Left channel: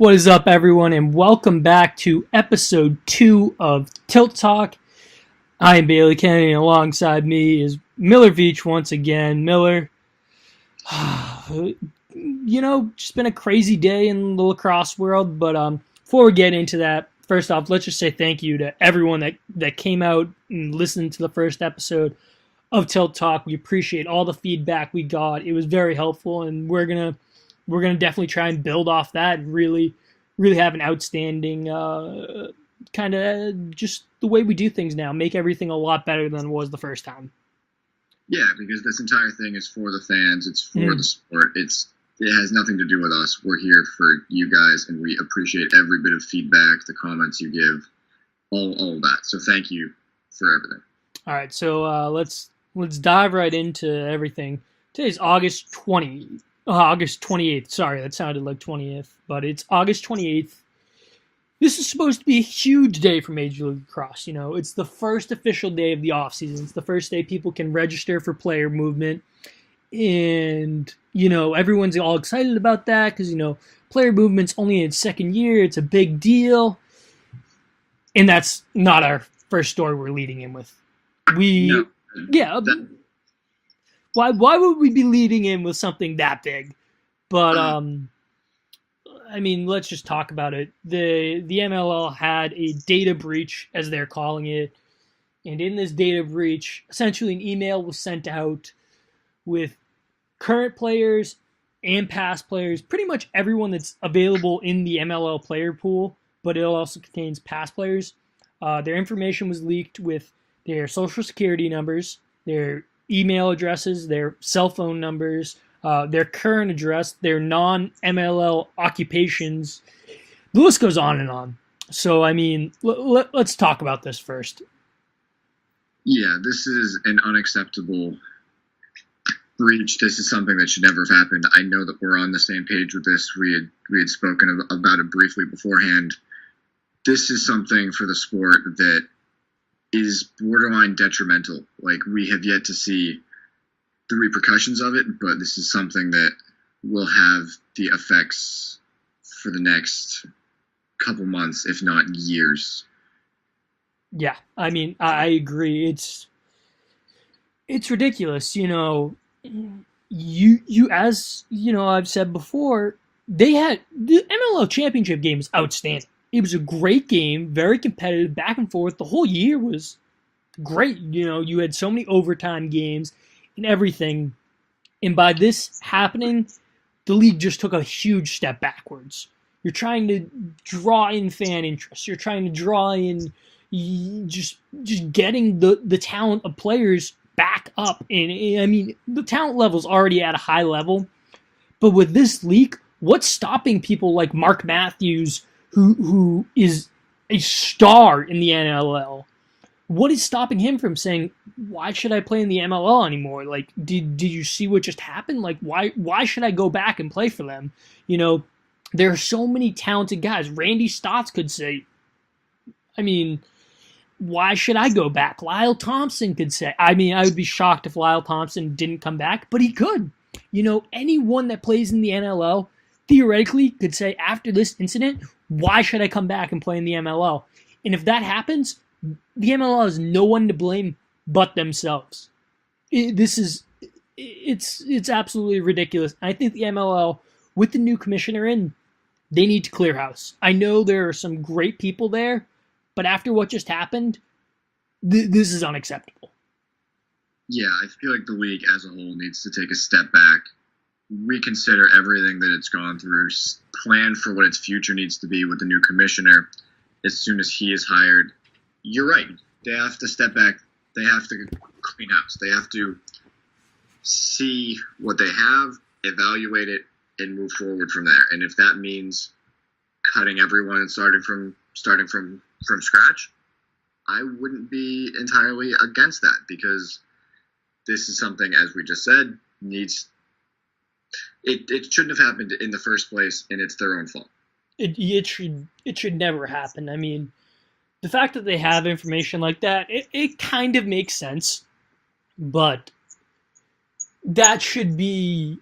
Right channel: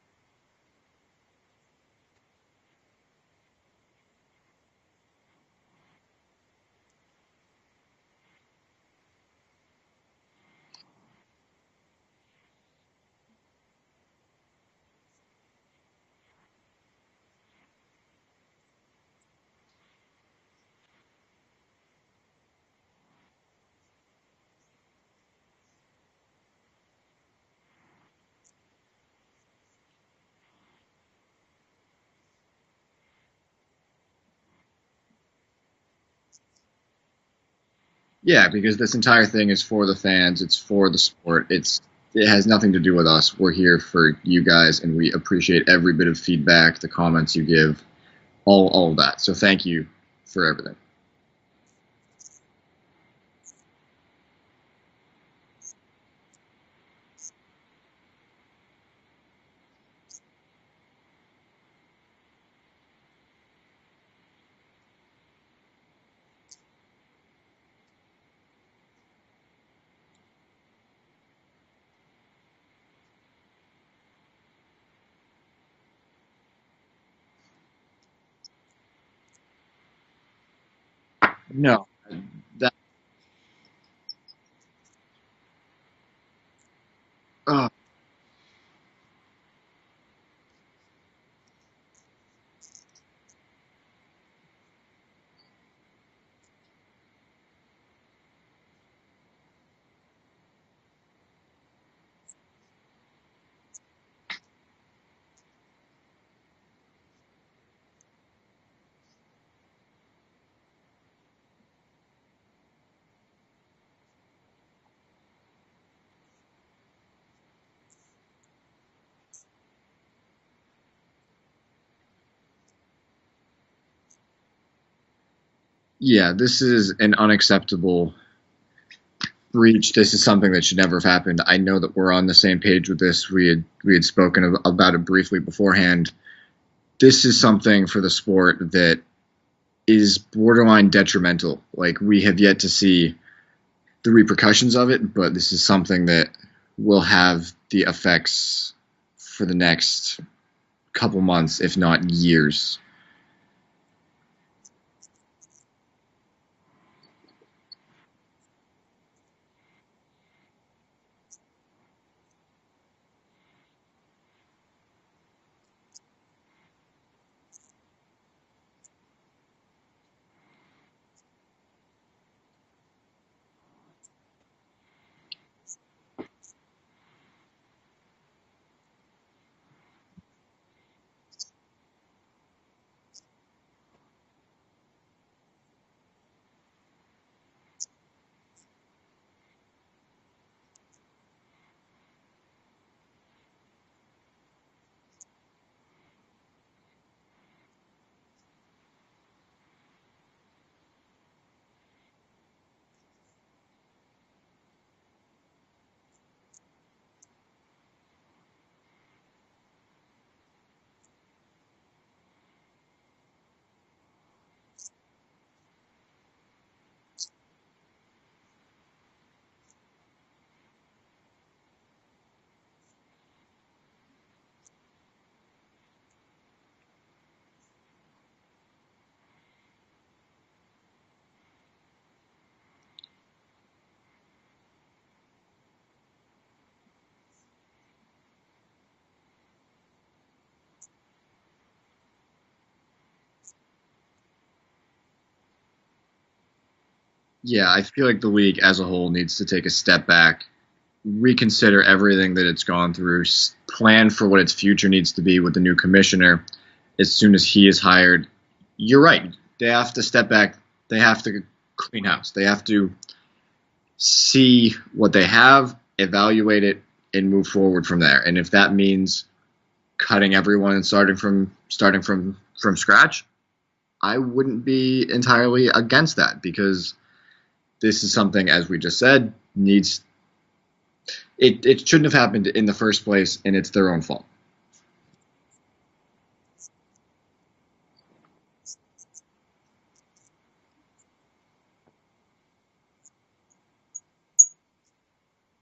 What is up, everyone, and welcome back to episode 2 of Tilt Talk. I am Bailey Kennedy, and alongside me is Miller Veach once again. Miller, just been a crazy day in the lacrosse world, but before we get into that, first off, let's just say thank you to everyone that came out and listened to the first episode of Tilt Talk. We appreciate all the feedback we got. It was very helpful, and we're gonna definitely try and build off that and really have an outstanding kind of just the way we do things now, make everything a lot better than it was the first time. Yeah, because this entire thing is for the fans. It's for the sport. It has nothing to do with us. We're here for you guys, and we appreciate every bit of feedback, the comments you give, all of that. So thank you for everything. All right, so let's dive right into everything. Today's August 28th. Sorry, that sounded like 20th, but it's August 28th. This is supposed to be a huge day for Major League Lacrosse. You know, it's the first official day of the offseason. It's the first day people can register for Player Movement. And, everyone's all excited about that because, Player Movement's only in its second year. It's a big deal. And that's not our first story we're leading in with. No, Why would we be leading in with something that big? But, let's just talk about it. The MLL had a data breach, as they're calling it. And in this data breach, essentially an email was sent out with current players and past players, pretty much everyone that's available in the MLL player pool, but it also contains past players. Their information was leaked with their social security numbers, their email addresses, their cell phone numbers, their current address, their non-MLL occupations. The list goes on and on. So, let's talk about this first. Yeah, this is an unacceptable breach. This is something that should never have happened. I know that we're on the same page with this. We had spoken about it briefly beforehand. This is something for the sport that is borderline detrimental. Like, we have yet to see the repercussions of it, but this is something that will have the effects for the next couple months, if not years. Yeah, I agree. It's ridiculous. You as I've said before, they had the MLL championship game is outstanding. It was a great game, very competitive, back and forth. The whole year was great. You had so many overtime games and everything. And by this happening, the league just took a huge step backwards. You're trying to draw in fan interest. You're trying to draw in just getting the talent of players back up. And the talent level's already at a high level. But with this leak, what's stopping people like Mark Matthews, who is a star in the NLL? What is stopping him from saying, why should I play in the MLL anymore? Like, did you see what just happened? Like, why should I go back and play for them? There are so many talented guys. Randy Stotts could say, why should I go back? Lyle Thompson could say, I would be shocked if Lyle Thompson didn't come back, but he could. Anyone that plays in the NLL theoretically could say, after this incident, why should I come back and play in the MLL? And if that happens, the MLL has no one to blame but themselves. It's absolutely ridiculous. I think the MLL, with the new commissioner in, they need to clear house. I know there are some great people there, but after what just happened, this is unacceptable. Yeah, I feel like the league as a whole needs to take a step back, reconsider everything that it's gone through, plan for what its future needs to be with the new commissioner as soon as he is hired. You're right. They have to step back. They have to clean house. They have to see what they have, evaluate it, and move forward from there. And if that means cutting everyone and starting from scratch, I wouldn't be entirely against that, because this is something, as we just said, it shouldn't have happened in the first place, and it's their own fault. It should never happen. The fact that they have information like that, it kind of makes sense, but that should be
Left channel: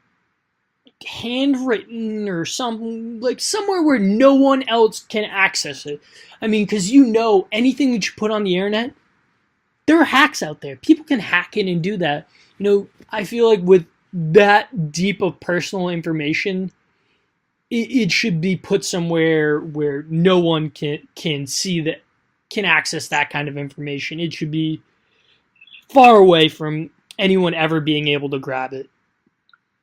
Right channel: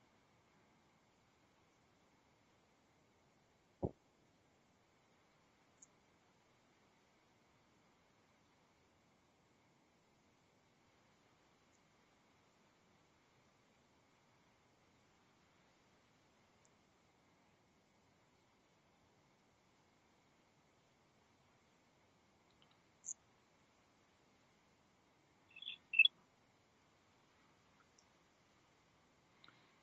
handwritten or something, like somewhere where no one else can access it. I mean, because you know, anything that you put on the internet, there are hacks out there. People can hack in and do that. You know, I feel like with that deep of personal information, it should be put somewhere where no one can see that, can access that kind of information. It should be far away from anyone ever being able to grab it.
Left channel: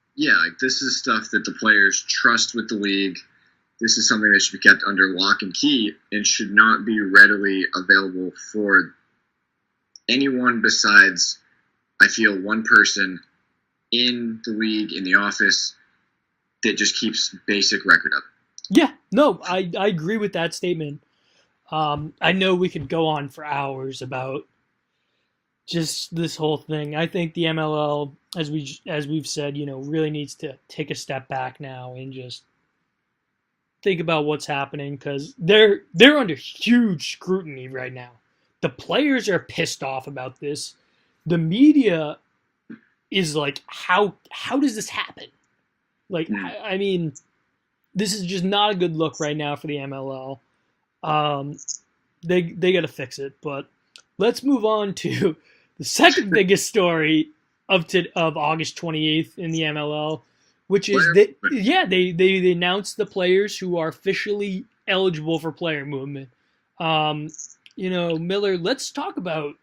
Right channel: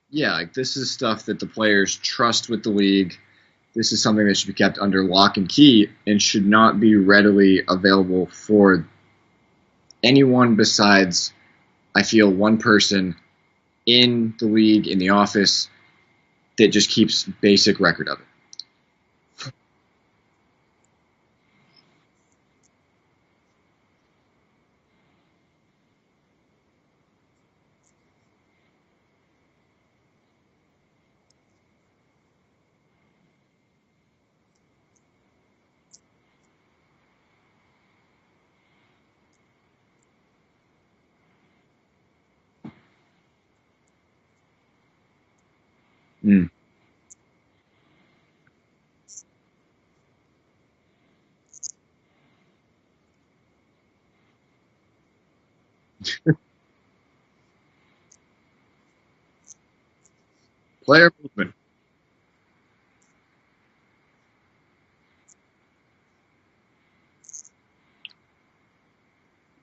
Yeah, like this is stuff that the players trust with the league. This is something that should be kept under lock and key and should not be readily available for anyone besides, I feel, one person in the league, in the office, that just keeps basic record of it. Yeah, no, I agree with that statement. I know we could go on for hours about just this whole thing. I think the MLL, as we've said, you know, really needs to take a step back now and just think about what's happening, because they're under huge scrutiny right now. The players are pissed off about this. The media is like, how does this happen? Like, I mean, this is just not a good look right now for the MLL. They got to fix it. But let's move on to the second biggest story of August 28th in the MLL, which is they announced the players who are officially eligible for player movement. You know, Miller, let's talk about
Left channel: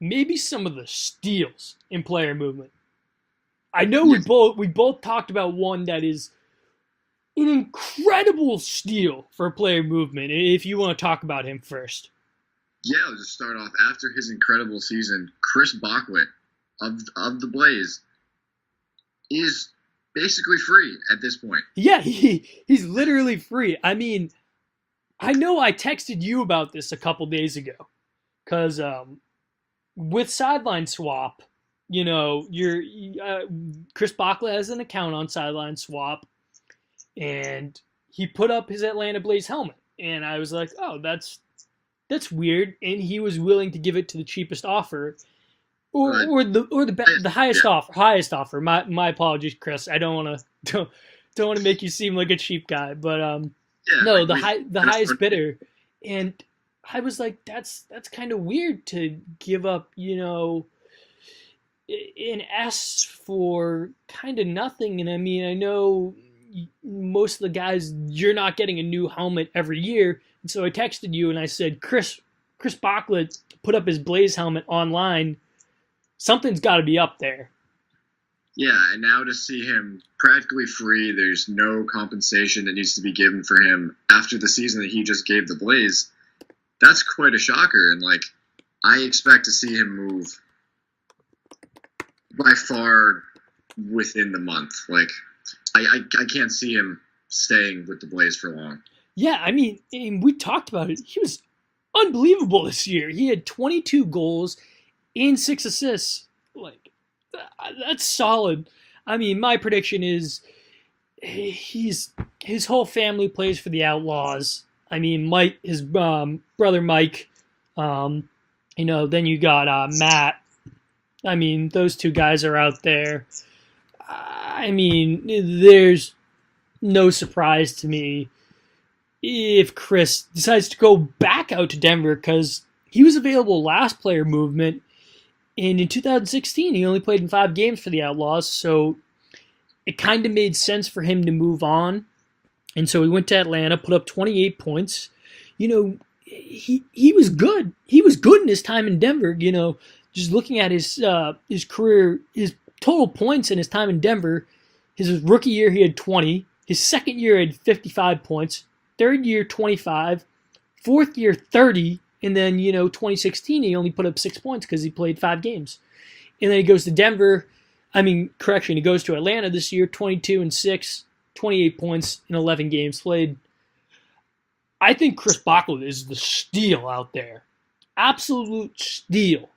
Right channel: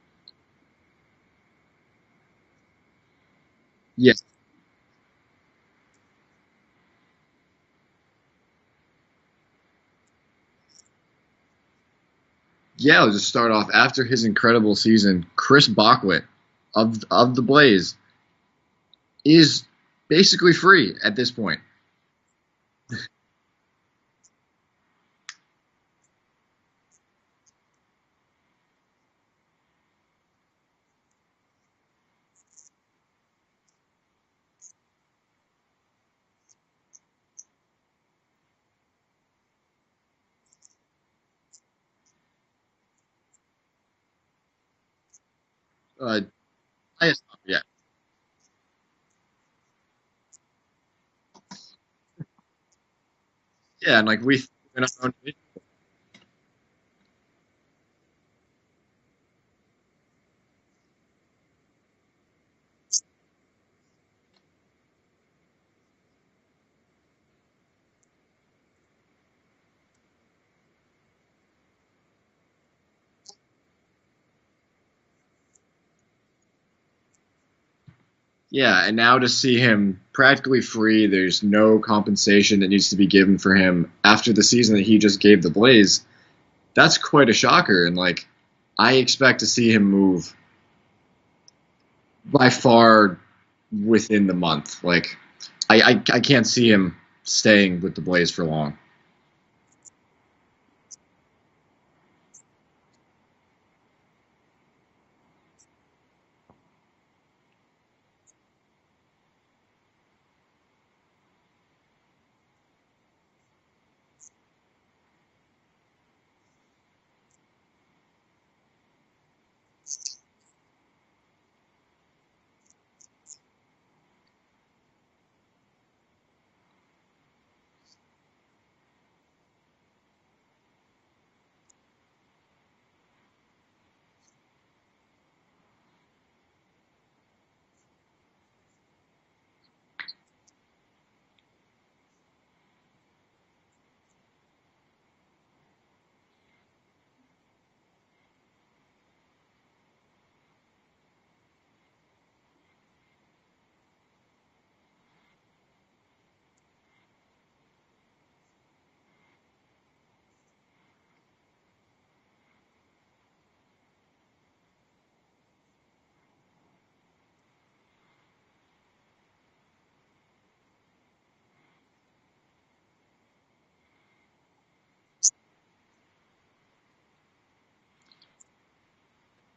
maybe some of the steals in player movement. I know we both talked about one that is an incredible steal for player movement. If you want to talk about him first. Yeah, I'll just start off. After his incredible season, Chris Bockwit of the Blaze is basically free at this point. Yeah, he's literally free. I mean, I know I texted you about this a couple days ago, because with Sideline Swap, you know, Chris Bockwit has an account on Sideline Swap, and he put up his Atlanta Blaze helmet, and I was like, oh, that's weird, and he was willing to give it to the cheapest offer, or the highest offer. My apologies, Chris. I don't want to make you seem like a cheap guy, but no, the highest bidder, and I was like, that's kind of weird to give up, you know, an S for kind of nothing. And I mean, I know most of the guys, you're not getting a new helmet every year. And so I texted you and I said, Chris Bockwit put up his Blaze helmet online. Something's got to be up there. Yeah, and now to see him practically free, there's no compensation that needs to be given for him after the season that he just gave the Blaze, that's quite a shocker. And, like, I expect to see him move by far within the month. Like, I can't see him staying with the Blaze for long. Yeah, I mean, we talked about it. He was unbelievable this year. He had 22 goals and 6 assists. Like, that's solid. I mean, my prediction is his whole family plays for the Outlaws. I mean, Mike, his brother Mike. You know, then you got Matt. I mean, those two guys are out there. I mean, there's no surprise to me if Chris decides to go back out to Denver, because he was available last player movement, and in 2016 he only played in 5 games for the Outlaws, so it kind of made sense for him to move on. And so he went to Atlanta, put up 28 points. You know, he was good. He was good in his time in Denver. You know, just looking at his career, his total points in his time in Denver, his rookie year he had 20. His second year he had 55 points. Third year 25. Fourth year 30. And then, you know, 2016 he only put up 6 points because he played 5 games. And then he goes to Denver. He goes to Atlanta this year, 22 and 6, 28 points in 11 games played. I think Chris Bockwit is the steal out there. Absolute steal.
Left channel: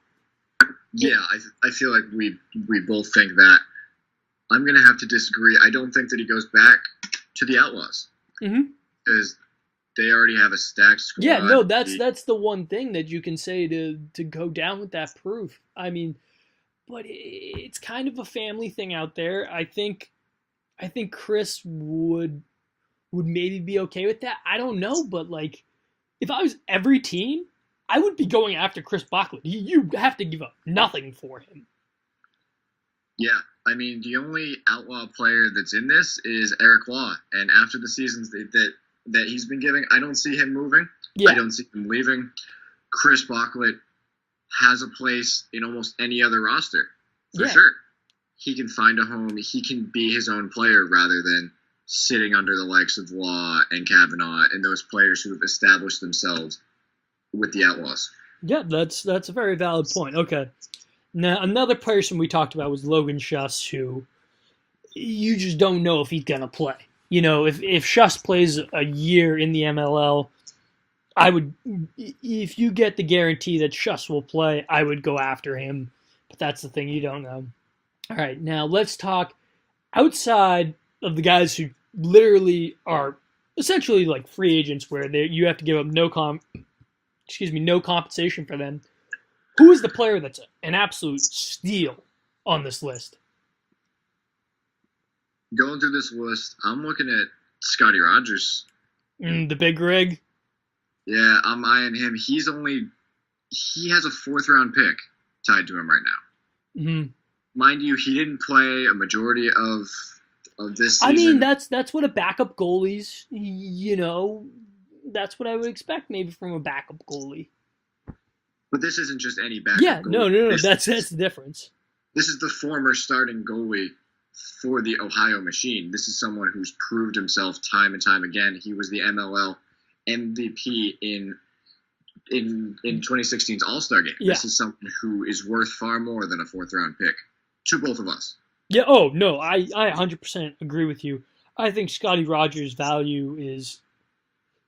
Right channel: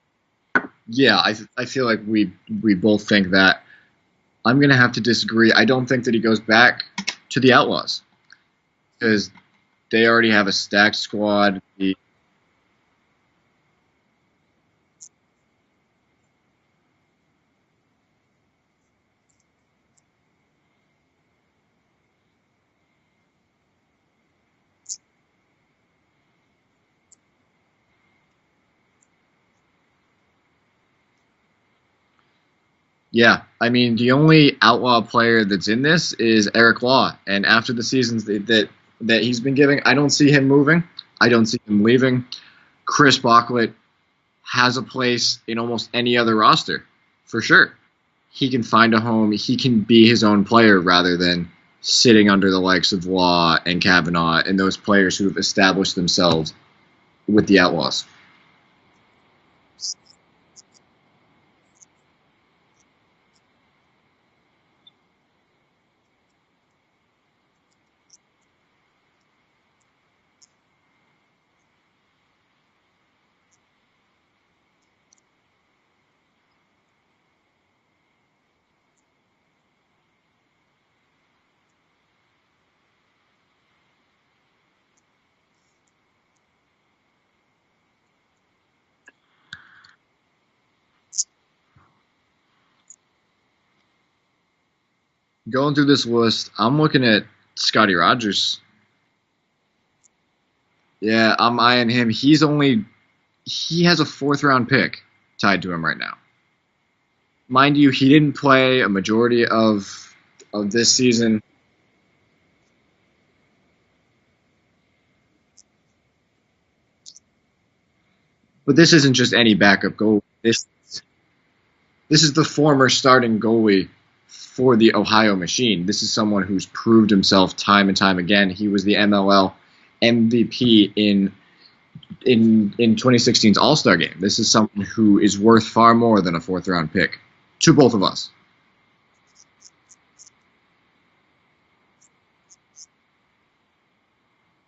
Yeah, I feel like we both think that. I'm going to have to disagree. I don't think that he goes back to the Outlaws. Because they already have a stacked squad. Yeah, no, that's the one thing that you can say to go down with that proof. I mean, but it's kind of a family thing out there. I think I think Chris would maybe be okay with that. I don't know, but like if I was every team, I would be going after Chris Bachman. You have to give up nothing for him. Yeah, I mean, the only outlaw player that's in this is Eric Law, and after the seasons that he's been giving, I don't see him moving. Yeah. I don't see him leaving. Chris Bachlet has a place in almost any other roster, for sure. He can find a home. He can be his own player rather than sitting under the likes of Law and Kavanaugh and those players who have established themselves with the Outlaws. Yeah, that's a very valid point. Okay. Now, another person we talked about was Logan Schuss, who you just don't know if he's going to play. You know, if Schuss plays a year in the MLL, I would, if you get the guarantee that Schuss will play, I would go after him. But that's the thing, you don't know. All right, now let's talk outside of the guys who literally are essentially like free agents, where you have to give up no compensation for them. Who is the player that's an absolute steal on this list? Going through this list, I'm looking at Scotty Rogers. The big rig. Yeah, I'm eyeing him. He has a 4th-round pick tied to him right now. Mm-hmm. Mind you, he didn't play a majority of this season. I mean, that's what a backup goalie's. You know, that's what I would expect maybe from a backup goalie. But this isn't just any backup goalie. No. That's the difference. This is the former starting goalie for the Ohio Machine. This is someone who's proved himself time and time again. He was the MLL MVP in 2016's All-Star game. This is someone who is worth far more than a 4th-round pick to both of us. Yeah. Oh no, I 100% agree with you. I think Scotty Rogers' value is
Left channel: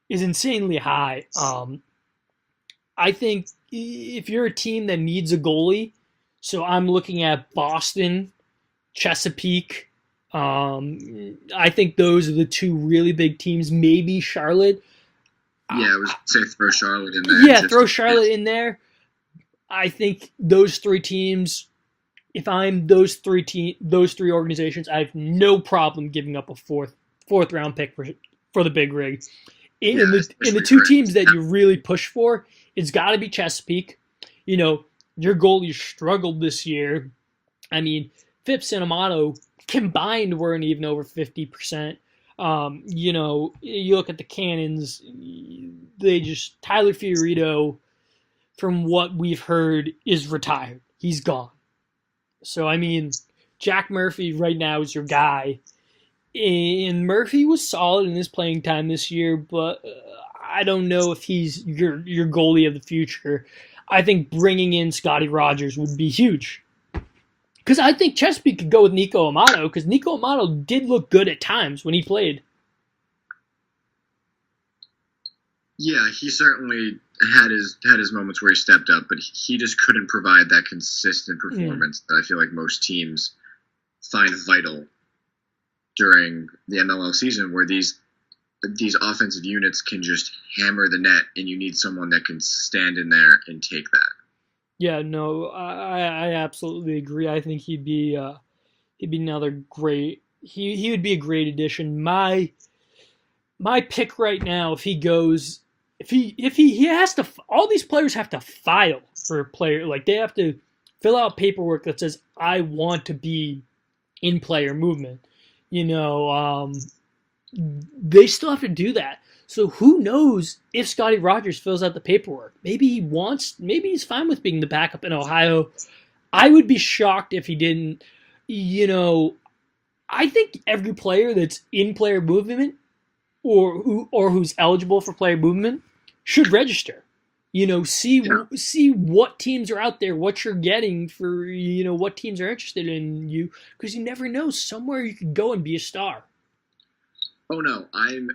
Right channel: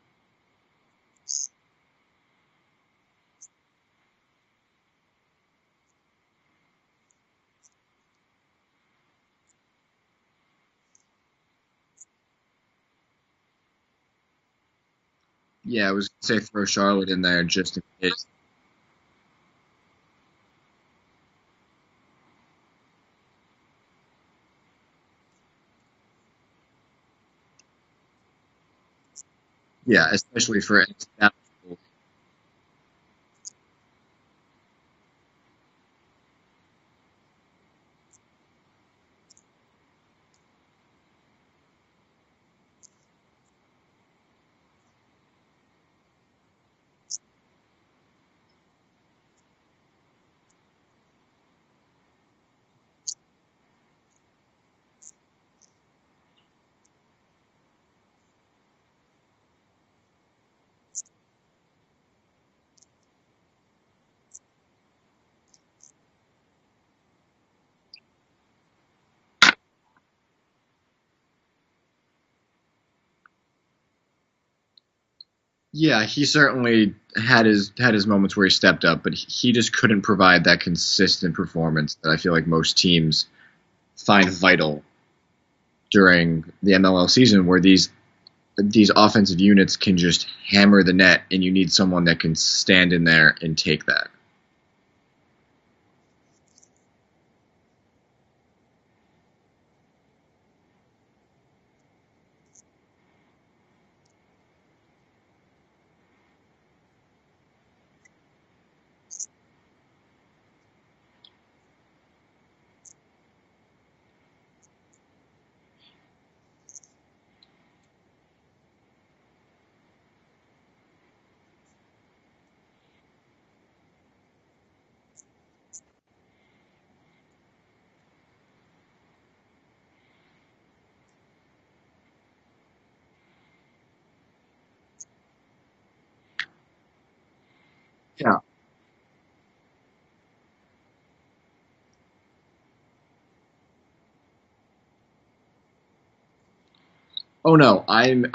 insanely high. I think if you're a team that needs a goalie, so I'm looking at Boston, Chesapeake. I think those are the two really big teams. Maybe Charlotte. Yeah, it was safe for Charlotte in there. Yeah, throw Charlotte in there. I think those three teams. If I'm those three organizations, I have no problem giving up a fourth round pick for the big rig. In the two teams that you really push for, it's got to be Chesapeake. You know, your goalie struggled this year. I mean, Phipps and Amato combined weren't even over 50%. You know, you look at the Cannons, Tyler Fiorito, from what we've heard, is retired. He's gone. So, I mean, Jack Murphy right now is your guy. And Murphy was solid in his playing time this year, but I don't know if he's your goalie of the future. I think bringing in Scotty Rogers would be huge. Because I think Chesapeake could go with Nico Amato, because Nico Amato did look good at times when he played. Yeah, he certainly had his moments where he stepped up, but he just couldn't provide that consistent performance that I feel like most teams find vital during the MLL season, where these offensive units can just hammer the net, and you need someone that can stand in there and take that. Yeah, no, I absolutely agree. I think he'd be another great. He would be a great addition. My pick right now, if he has to, all these players have to file for a player. Like, they have to fill out paperwork that says, I want to be in player movement. You know, they still have to do that. So who knows if Scotty Rogers fills out the paperwork? Maybe he's fine with being the backup in Ohio. I would be shocked if he didn't. You know, I think every player that's in player movement or who's eligible for player movement should register. You know, see what teams are out there, what you're getting for, you know, what teams are interested in you, because you never know, somewhere you could go and be a star. Oh no, I'm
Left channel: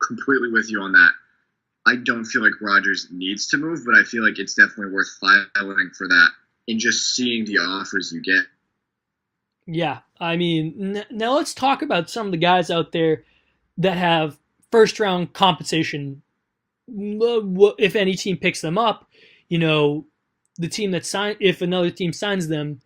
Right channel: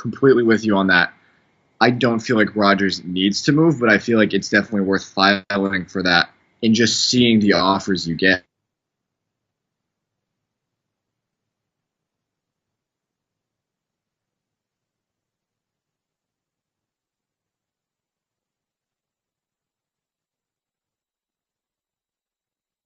completely with you on that. I don't feel like Rogers needs to move, but I feel like it's definitely worth filing for that and just seeing the offers you get. Yeah, I mean, now let's talk about some of the guys out there that have first round compensation. If any team picks them up, you know, the team that if another team signs them,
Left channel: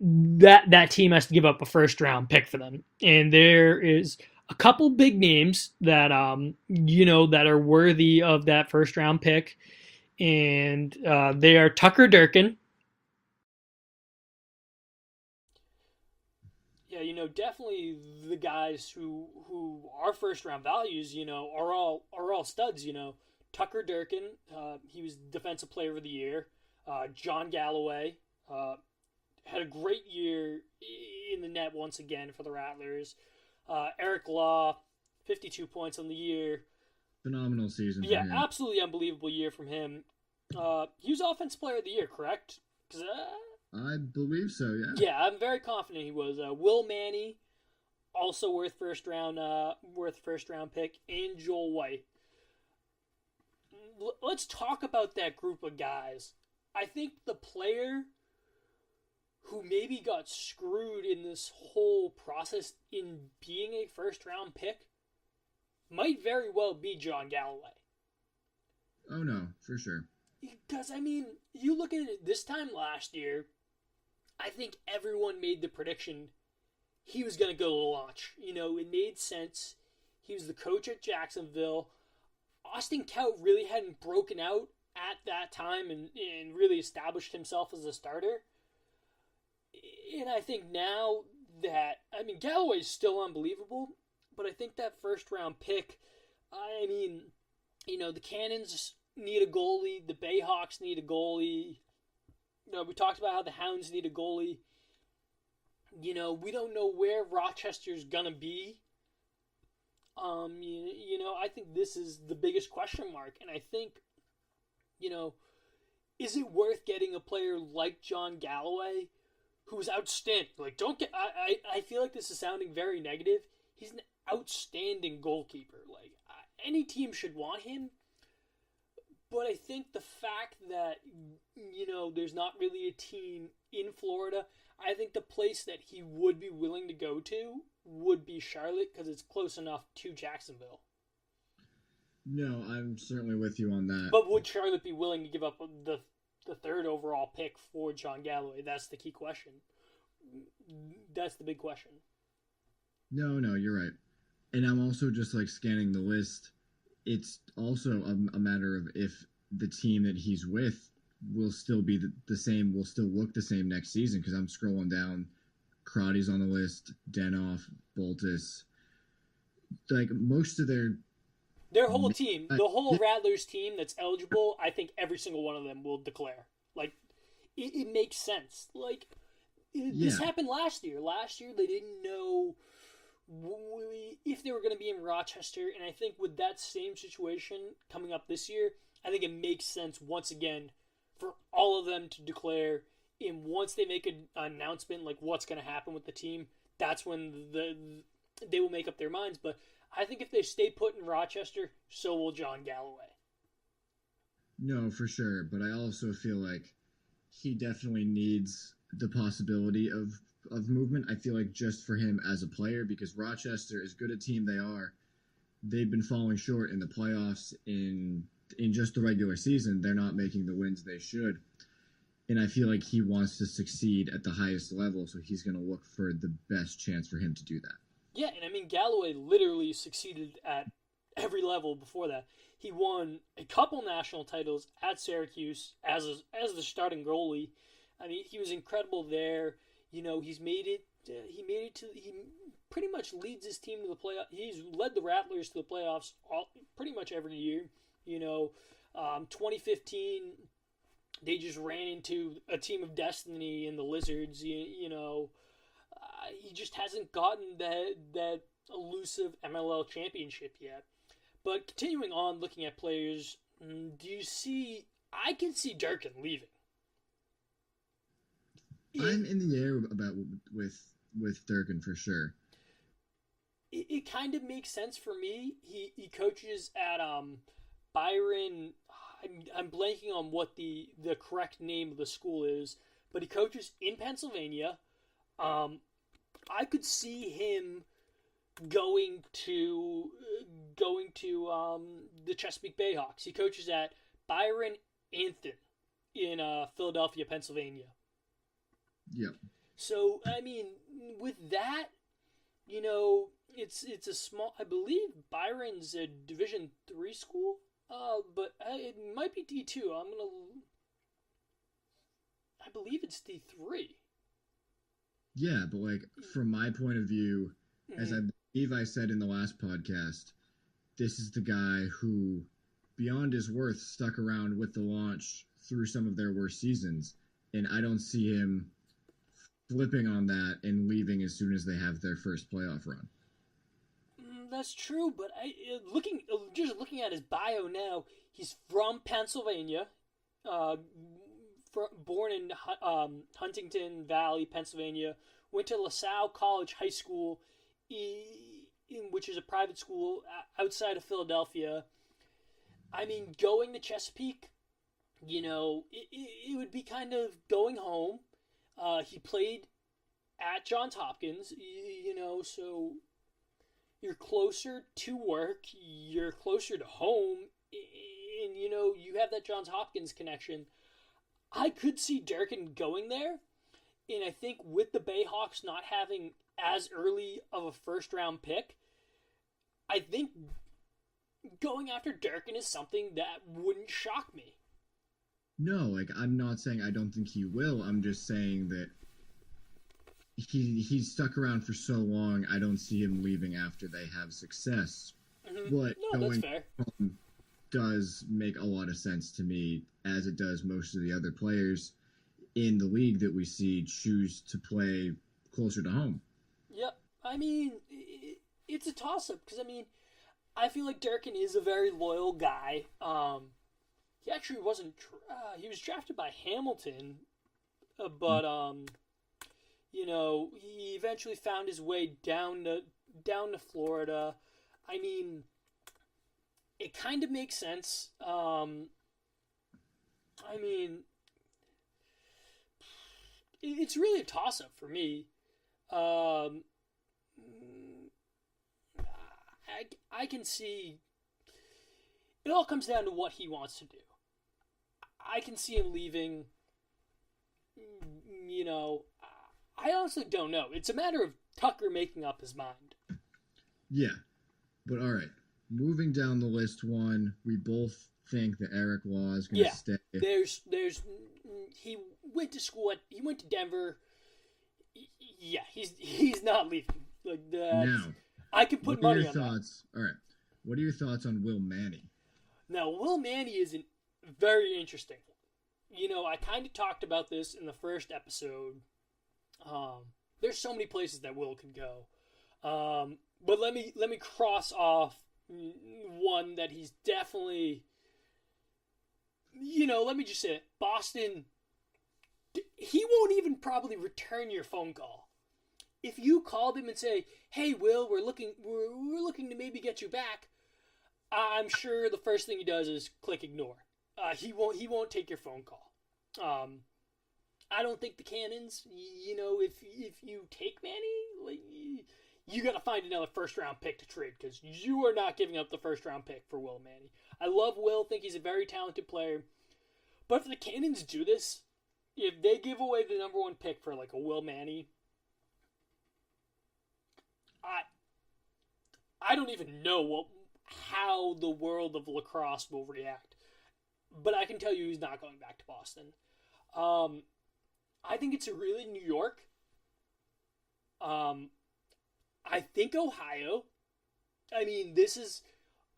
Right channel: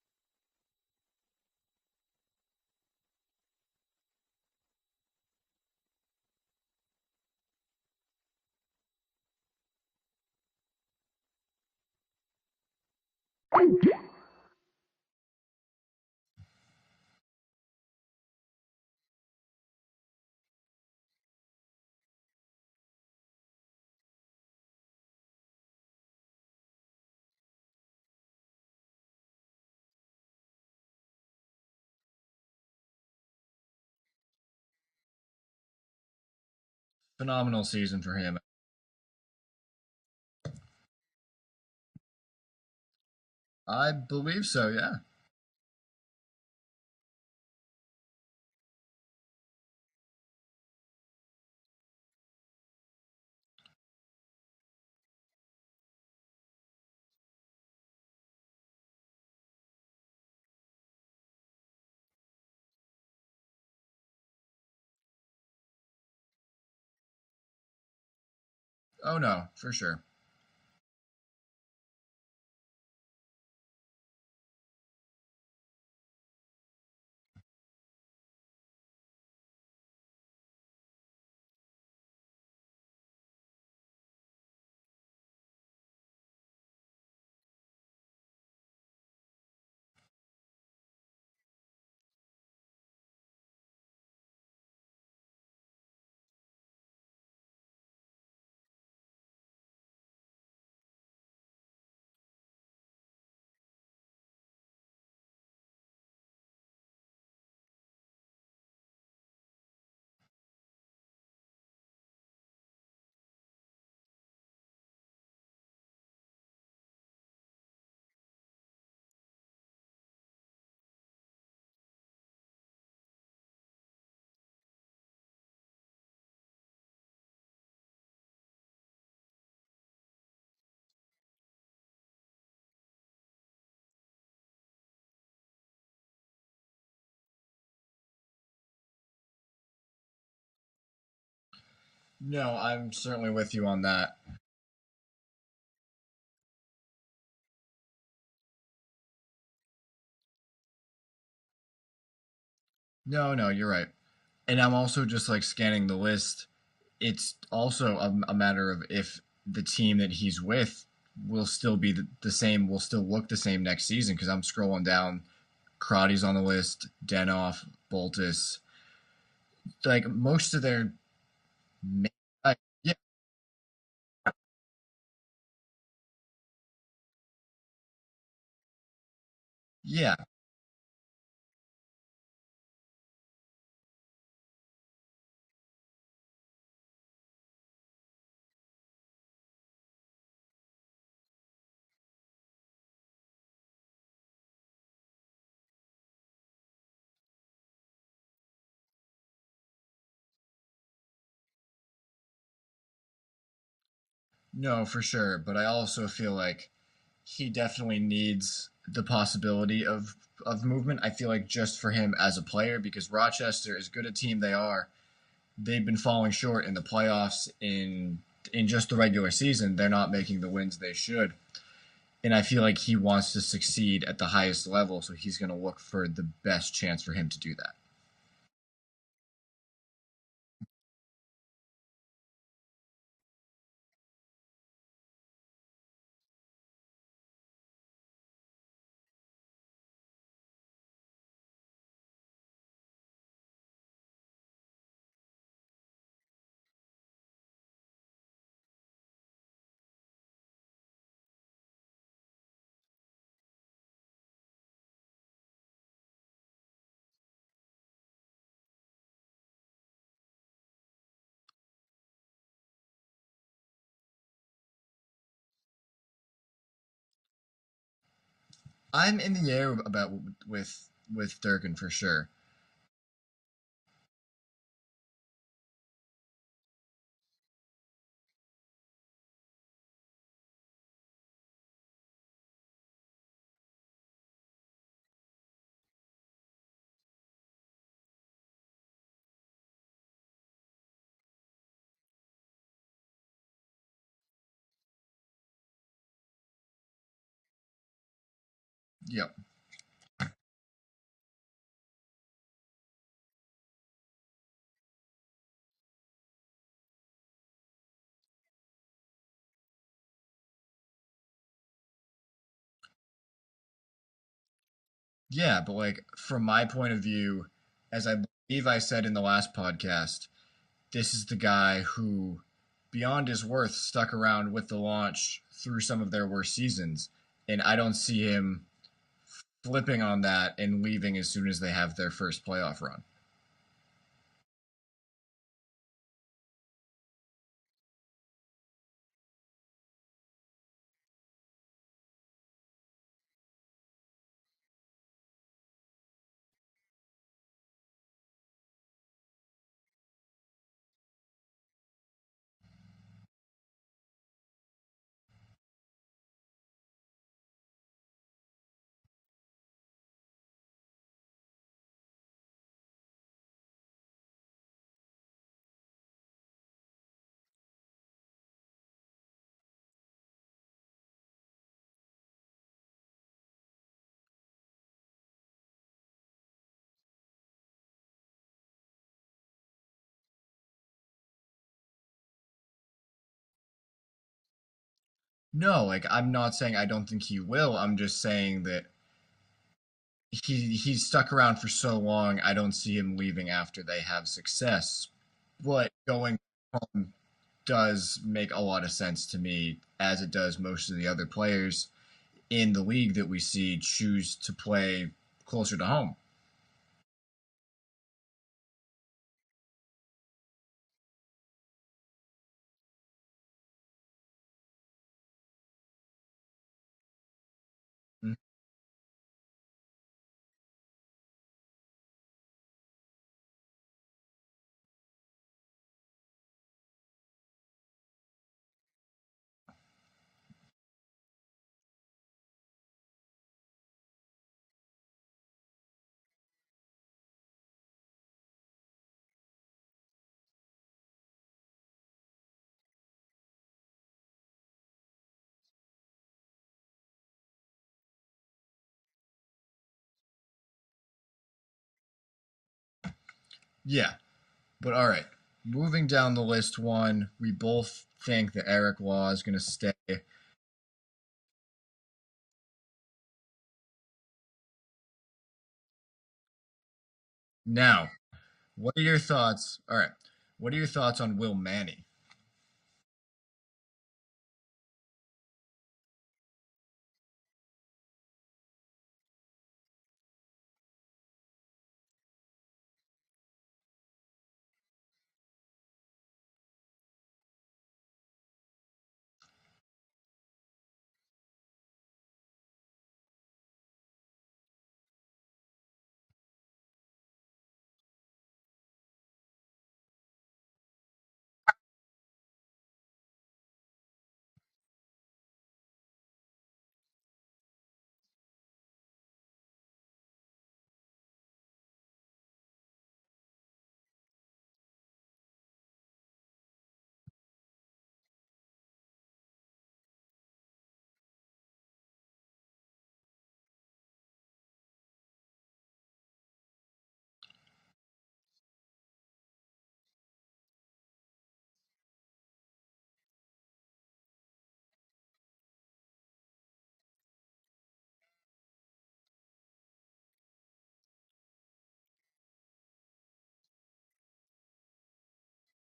that team has to give up a first round pick for them. And there is a couple big names that that are worthy of that first round pick, and they are Tucker Durkin. Yeah, definitely the guys who are first round values, are all studs. Tucker Durkin, he was Defensive Player of the Year. John Galloway had a great year in the net once again for the Rattlers. Eric Law, 52 points on the year. Phenomenal season for Yeah, him. absolutely unbelievable year from him. He was Offensive Player of the Year, correct? 'Cause, I believe so, yeah. yeah, I'm very confident he was. Will Manny, also worth first round pick, and Joel White. Let's talk about that group of guys. I think the player who maybe got screwed in this whole process in being a first round pick might very well be John Galloway. Oh no, for sure. Because, you look at it this time last year, I think everyone made the prediction he was going to go to launch. It made sense. He was the coach at Jacksonville. Austin Kaut really hadn't broken out at that time and really established himself as a starter. And I think now that, Galloway's still unbelievable, but I think that first round pick, the Cannons need a goalie, the Bayhawks need a goalie. We talked about how the Hounds need a goalie. We don't know where Rochester's gonna be. I think this is the biggest question mark, and I think, is it worth getting a player like John Galloway, who's outstanding? Like, don't get. I feel like this is sounding very negative. He's an outstanding goalkeeper. Like, any team should want him. But I think the fact that, there's not really a team in Florida, I think the place that he would be willing to go to would be Charlotte because it's close enough to Jacksonville. No, I'm certainly with you on that. But would Charlotte be willing to give up the third overall pick for John Galloway? That's the key question. That's the big question. No, you're right. And I'm also just like scanning the list. It's also a matter of if the team that he's with will still be the same, will still look the same next season. Because I'm scrolling down, Crotty's on the list, Denoff, Boltis, like most of their whole team, the whole yeah. Rattlers team that's eligible, I think every single one of them will declare. Like, it makes sense. Like, this happened last year. Last year, they didn't know if they were going to be in Rochester, and I think with that same situation coming up this year, I think it makes sense once again for all of them to declare. And once they make an announcement like what's going to happen with the team, that's when they will make up their minds. But I think if they stay put in Rochester, so will John Galloway. No, for sure. But I also feel like he definitely needs the possibility of movement. I feel like just for him as a player, because Rochester, as good a team they are, they've been falling short in the playoffs in just the regular season. They're not making the wins they should. And I feel like he wants to succeed at the highest level, so he's going to look for the best chance for him to do that. Yeah, and Galloway literally succeeded at every level before that. He won a couple national titles at Syracuse as the starting goalie. He was incredible there. He's made it. He pretty much leads his team to the playoffs. He's led the Rattlers to the playoffs pretty much every year. 2015, they just ran into a team of destiny in the Lizards. He just hasn't gotten that elusive MLL championship yet. But continuing on, looking at players, do you see? I can see Durkin leaving. I'm in the air about with Durkin for sure. It kind of makes sense for me. He coaches at Byron. I'm blanking on what the correct name of the school is, but he coaches in Pennsylvania. I could see him going to the Chesapeake Bayhawks. He coaches at Byron Anthony in Philadelphia, Pennsylvania. Yep. So I mean, with that, it's a small. I believe Byron's a Division 3 school. But it might be D2. I believe it's D3. Yeah, but like from my point of view, as I believe I said in the last podcast, this is the guy who, beyond his worth, stuck around with the launch through some of their worst seasons. And I don't see him flipping on that and leaving as soon as they have their first playoff run. That's true, but just looking at his bio now, he's from Pennsylvania, uh, born in Huntington Valley, Pennsylvania. Went to LaSalle College High School, which is a private school outside of Philadelphia. I mean, going to Chesapeake, it would be kind of going home. He played at Johns Hopkins, so you're closer to work, you're closer to home, and you have that Johns Hopkins connection. I could see Durkin going there, and I think with the Bayhawks not having as early of a first round pick, I think going after Durkin is something that wouldn't shock me. No, like I'm not saying I don't think he will. I'm just saying that he's stuck around for so long. I don't see him leaving after they have success. But No, that's going fair. home does make a lot of sense to me, as it does most of the other players in the league that we see choose to play closer to home. Yep. I mean, it's a toss up because I feel like Durkin is a very loyal guy. He actually wasn't. He was drafted by Hamilton, but he eventually found his way down to Florida. I mean, it kind of makes sense. I mean, it's really a toss up for me. Um, I can see it all comes down to what he wants to do. I can see him leaving. You know, I honestly don't know. It's a matter of Tucker making up his mind. Yeah, but all right. Moving down the list, one, we both think that Eric Law is going to Yeah, stay. there's he he went to Denver. Yeah, he's not leaving. Like Now, I could what put are your money on it. thoughts? All right. What are your thoughts on Will Manny? Now, Will Manny is very interesting. I kind of talked about this in the first episode. There's so many places that Will could go, but let me cross off one that he's definitely. Let me just say it. Boston. He won't even probably return your phone call. If you called him and say, "Hey, Will, we're looking to maybe get you back," I'm sure the first thing he does is click ignore. He won't take your phone call. I don't think the Cannons. If you take Manny, like, you got to find another first round pick to trade because you are not giving up the first round pick for Will Manny. I love Will. Think he's a very talented player. But if the Cannons do this, if they give away the number one pick for like a Will Manny, I don't even know how the world of lacrosse will react. But I can tell you he's not going back to Boston. I think it's really New York. I think Ohio. I mean,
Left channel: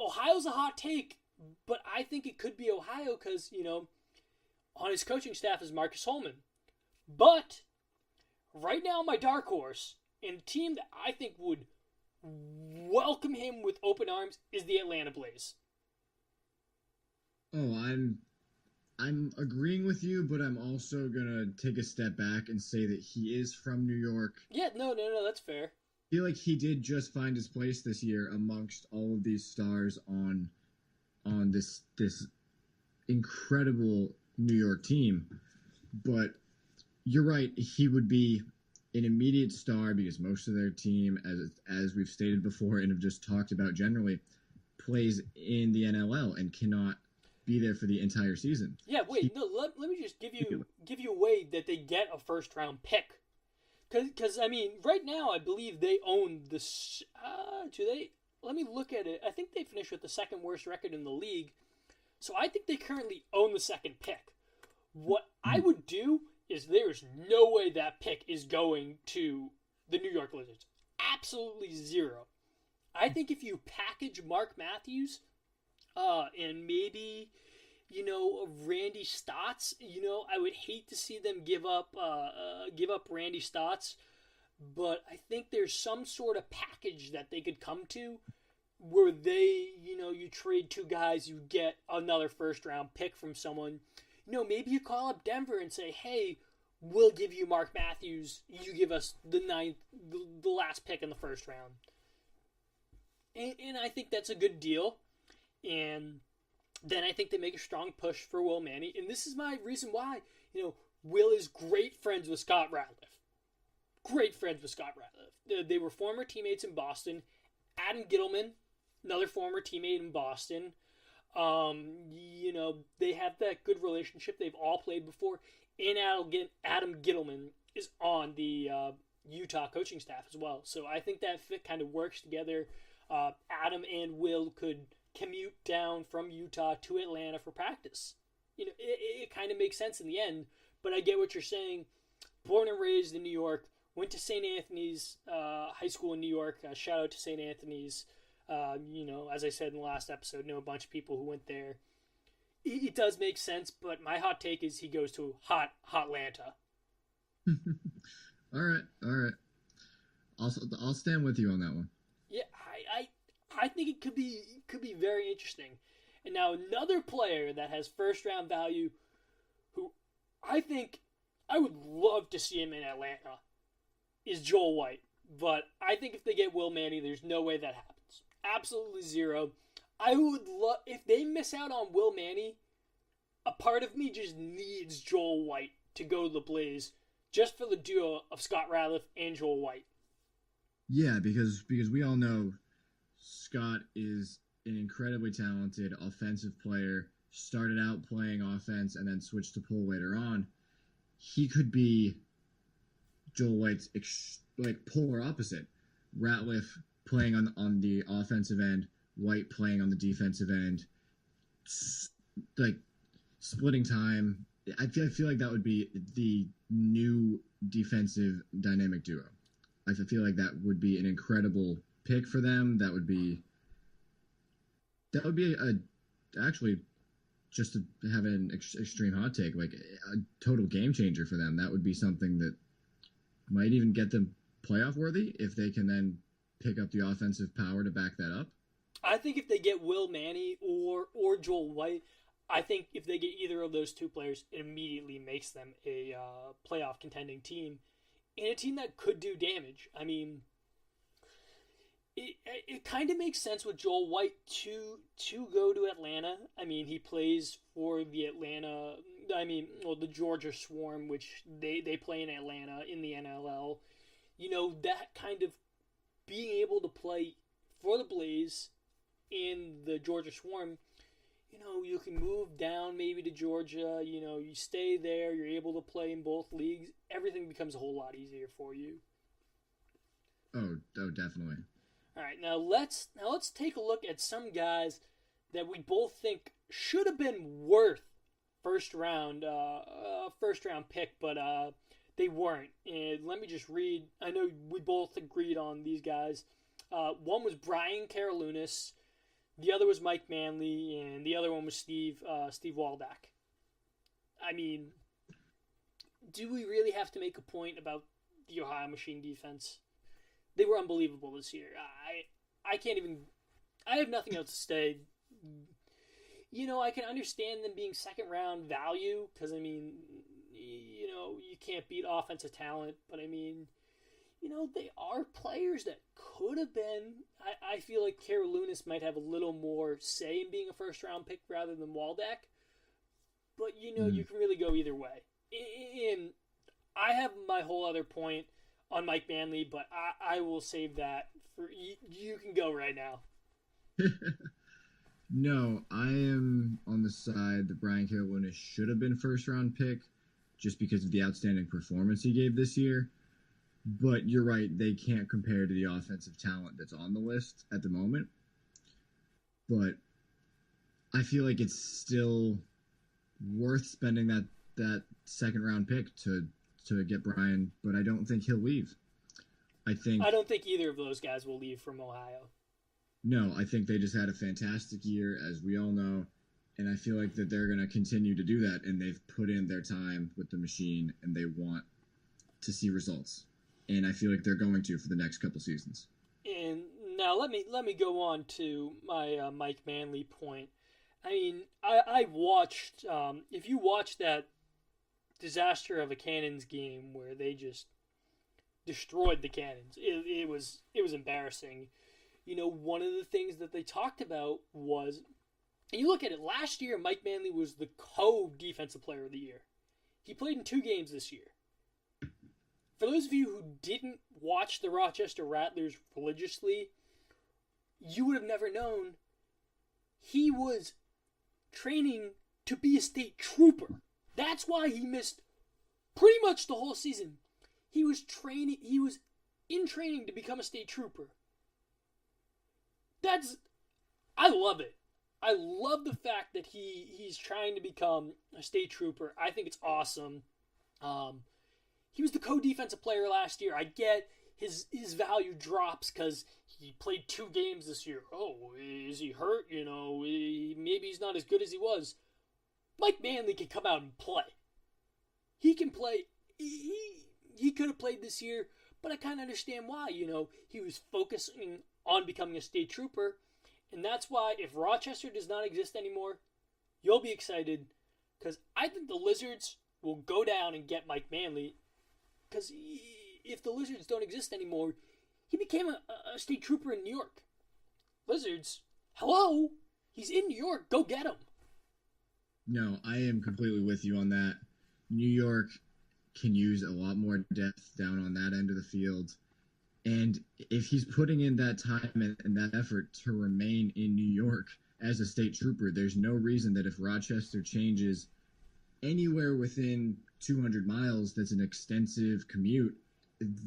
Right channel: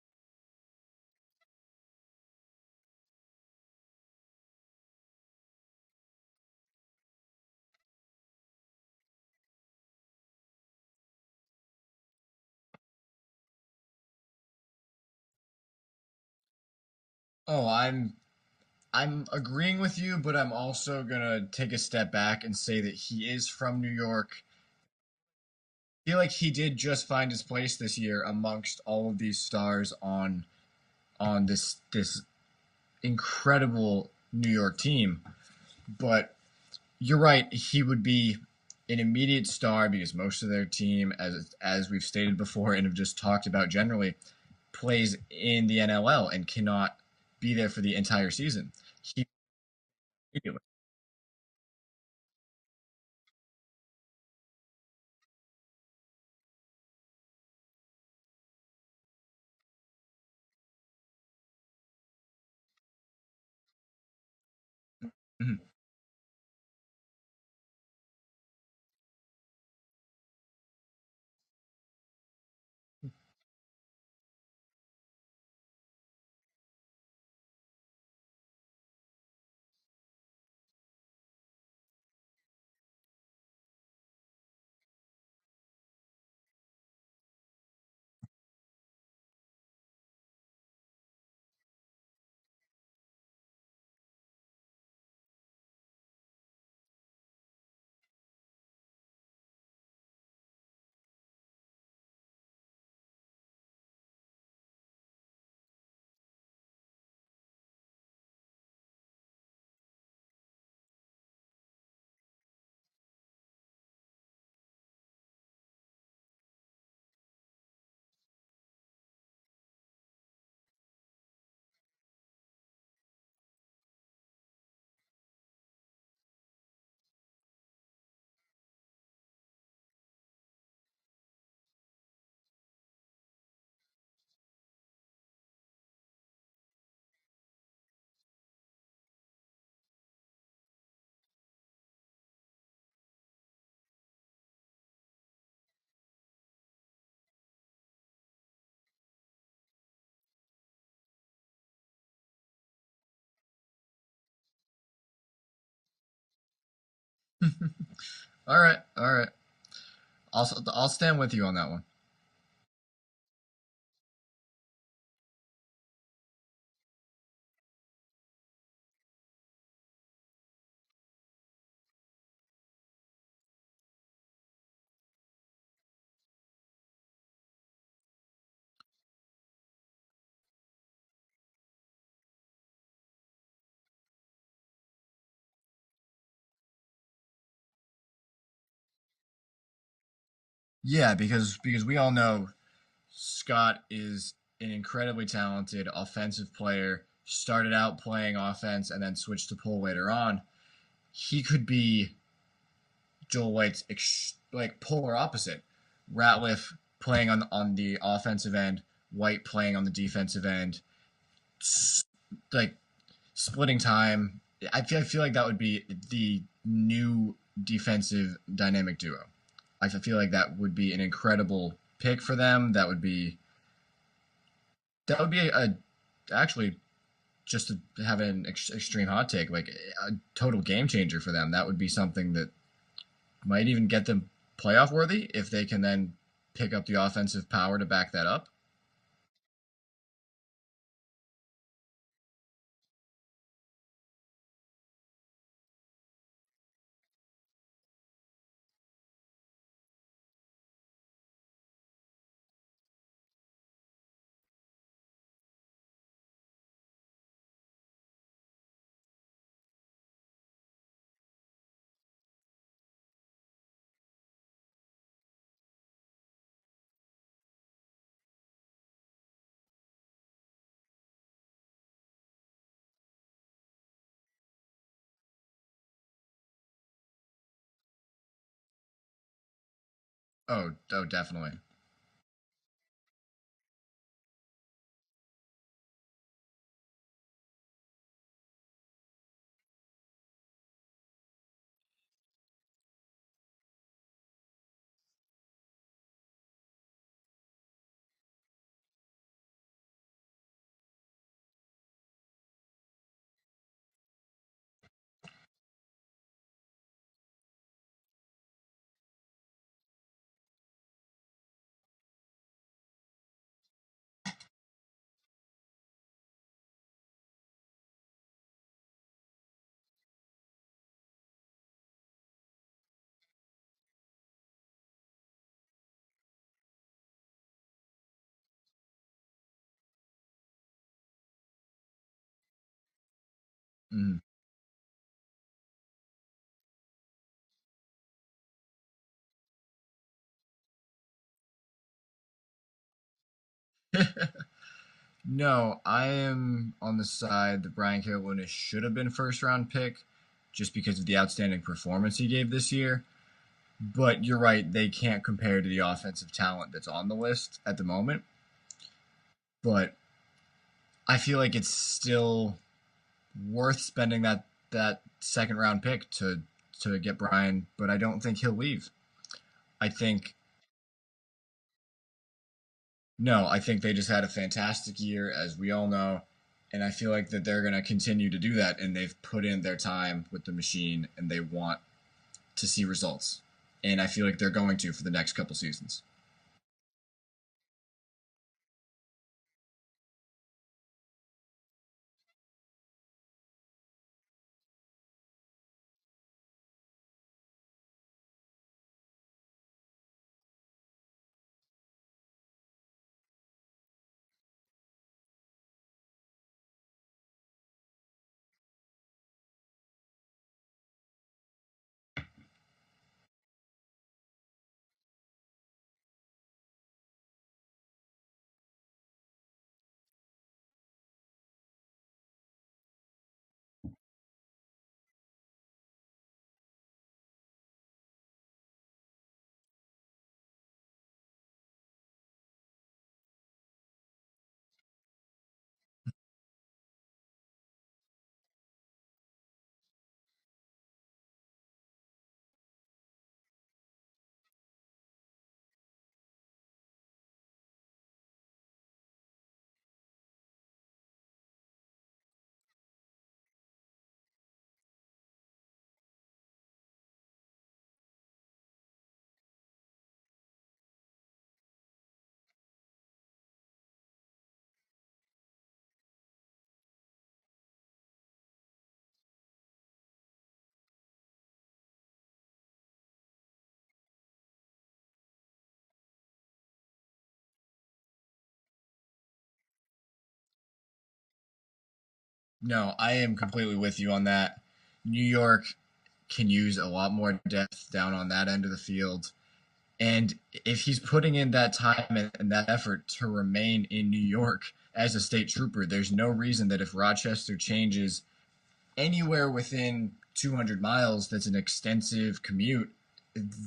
Ohio's a hot take, but I think it could be Ohio because, on his coaching staff is Marcus Holman. But right now, my dark horse and a team that I think would welcome him with open arms is the Atlanta Blaze. Oh, I'm agreeing with you, but I'm also gonna take a step back and say that he is from New York. Yeah, no, that's fair. I feel like he did just find his place this year amongst all of these stars on this incredible New York team. But you're right, he would be an immediate star because most of their team, as we've stated before and have just talked about generally, plays in the NLL and cannot be there for the entire season. Yeah, wait, no, let me just give you a way that they get a first round pick. Because I mean, right now I believe they own this. Do they? Let me look at it. I think they finished with the second worst record in the league. So I think they currently own the second pick. What I Mhm. would do is there's no way that pick is going to the New York Lizards. Absolutely zero. I think if you package Mark Matthews, and maybe Randy Stotts, I would hate to see them give up Randy Stotts, but I think there's some sort of package that they could come to where you trade two guys, you get another first round pick from someone. Maybe you call up Denver and say, hey, we'll give you Mark Matthews. You give us the last pick in the first round. And I think that's a good deal. And then I think they make a strong push for Will Manny. And this is my reason why. Will is great friends with Scott Ratliff. Great friends with Scott Ratliff. They were former teammates in Boston. Adam Gittleman, another former teammate in Boston. They have that good relationship. They've all played before. And Adam Gittleman is on the Utah coaching staff as well. So I think that fit kind of works together. Adam and Will could commute down from Utah to Atlanta for practice. It kind of makes sense in the end. But I get what you're saying. Born and raised in New York, went to St. Anthony's High School in New York. Shout out to St. Anthony's. As I said in the last episode, know a bunch of people who went there. It does make sense, but my hot take is he goes to hot Atlanta. All right, all right. I'll stand with you on that one. Yeah, I think it could be very interesting. And now another player that has first round value, who I think I would love to see him in Atlanta, is Joel White. But I think if they get Will Manny, there's no way that happens. Absolutely zero. I would love if they miss out on Will Manny. A part of me just needs Joel White to go to the Blaze, just for the duo of Scott Ratliff and Joel White. Yeah, because we all know Scott is an incredibly talented offensive player. Started out playing offense and then switched to pull later on. He could be Joel White's like polar opposite. Ratliff playing on the offensive end, White playing on the defensive end, like splitting time. I feel like that would be the new defensive dynamic duo. I feel like that would be an incredible pick for them. That would be a actually just to have an extreme hot take, like a total game changer for them. That would be something that might even get them playoff worthy if they can then pick up the offensive power to back that up. I think if they get Will Manny or Joel White, I think if they get either of those two players, it immediately makes them a playoff contending team and a team that could do damage. I mean, it kind of makes sense with Joel White to go to Atlanta. I mean, he plays for the the Georgia Swarm, which they play in Atlanta in the NLL. That kind of being able to play for the Blaze in the Georgia Swarm. You can move down maybe to Georgia. You stay there. You're able to play in both leagues. Everything becomes a whole lot easier for you. Oh, definitely. All right, now let's take a look at some guys that we both think should have been worth first round pick, but they weren't. And let me just read. I know we both agreed on these guys. One was Brian Karalunas, the other was Mike Manley, and the other one was Steve Waldeck. I mean, do we really have to make a point about the Ohio Machine defense? They were unbelievable this year. I can't even. I have nothing else to say. I can understand them being second round value because you can't beat offensive talent, but they are players that could have been. I feel like Karalunas might have a little more say in being a first round pick rather than Waldeck, but you can really go either way. And I have my whole other point on Mike Manley, but I will save that for you. You can go right now. No, I am on the side that Brian Carolina should have been a first round pick just because of the outstanding performance he gave this year. But you're right, they can't compare to the offensive talent that's on the list at the moment. But I feel like it's still worth spending that second round pick to get Brian, but I don't think he'll leave. I think I don't think either of those guys will leave from Ohio. no, I think they just had a fantastic year, as we all know, and I feel like that they're going to continue to do that, and they've put in their time with the machine, and they want to see results, and I feel like they're going to for the next couple seasons. And now let me go on to my Mike Manley point. I mean, I watched. If you watched that disaster of a Cannons game where they just destroyed the Cannons, it was embarrassing. You know, one of the things that they talked about was, and you look at it, last year Mike Manley was the co-defensive player of the year. He played in 2 games this year. For those of you who didn't watch the Rochester Rattlers religiously, you would have never known he was training to be a state trooper. That's why he missed pretty much the whole season. He was in training to become a state trooper. I love it. I love the fact that he's trying to become a state trooper. I think it's awesome. He was the co-defensive player last year. I get his value drops because he played 2 games this year. Oh, is he hurt? You know, maybe he's not as good as he was. Mike Manley can come out and play. He can play. He could have played this year, but I kind of understand why. You know, he was focusing on becoming a state trooper, and that's why if Rochester does not exist anymore, you'll be excited because I think the Lizards will go down and get Mike Manley. Because if the Lizards don't exist anymore, he became a state trooper in New York. Lizards, hello, he's in New York. Go get him. No, I am completely with you on that. New York can use a lot more depth down on that end of the field. And if he's putting in that time and that effort to remain in New York as a state trooper, there's no reason that if Rochester changes anywhere within 200 miles that's an extensive commute,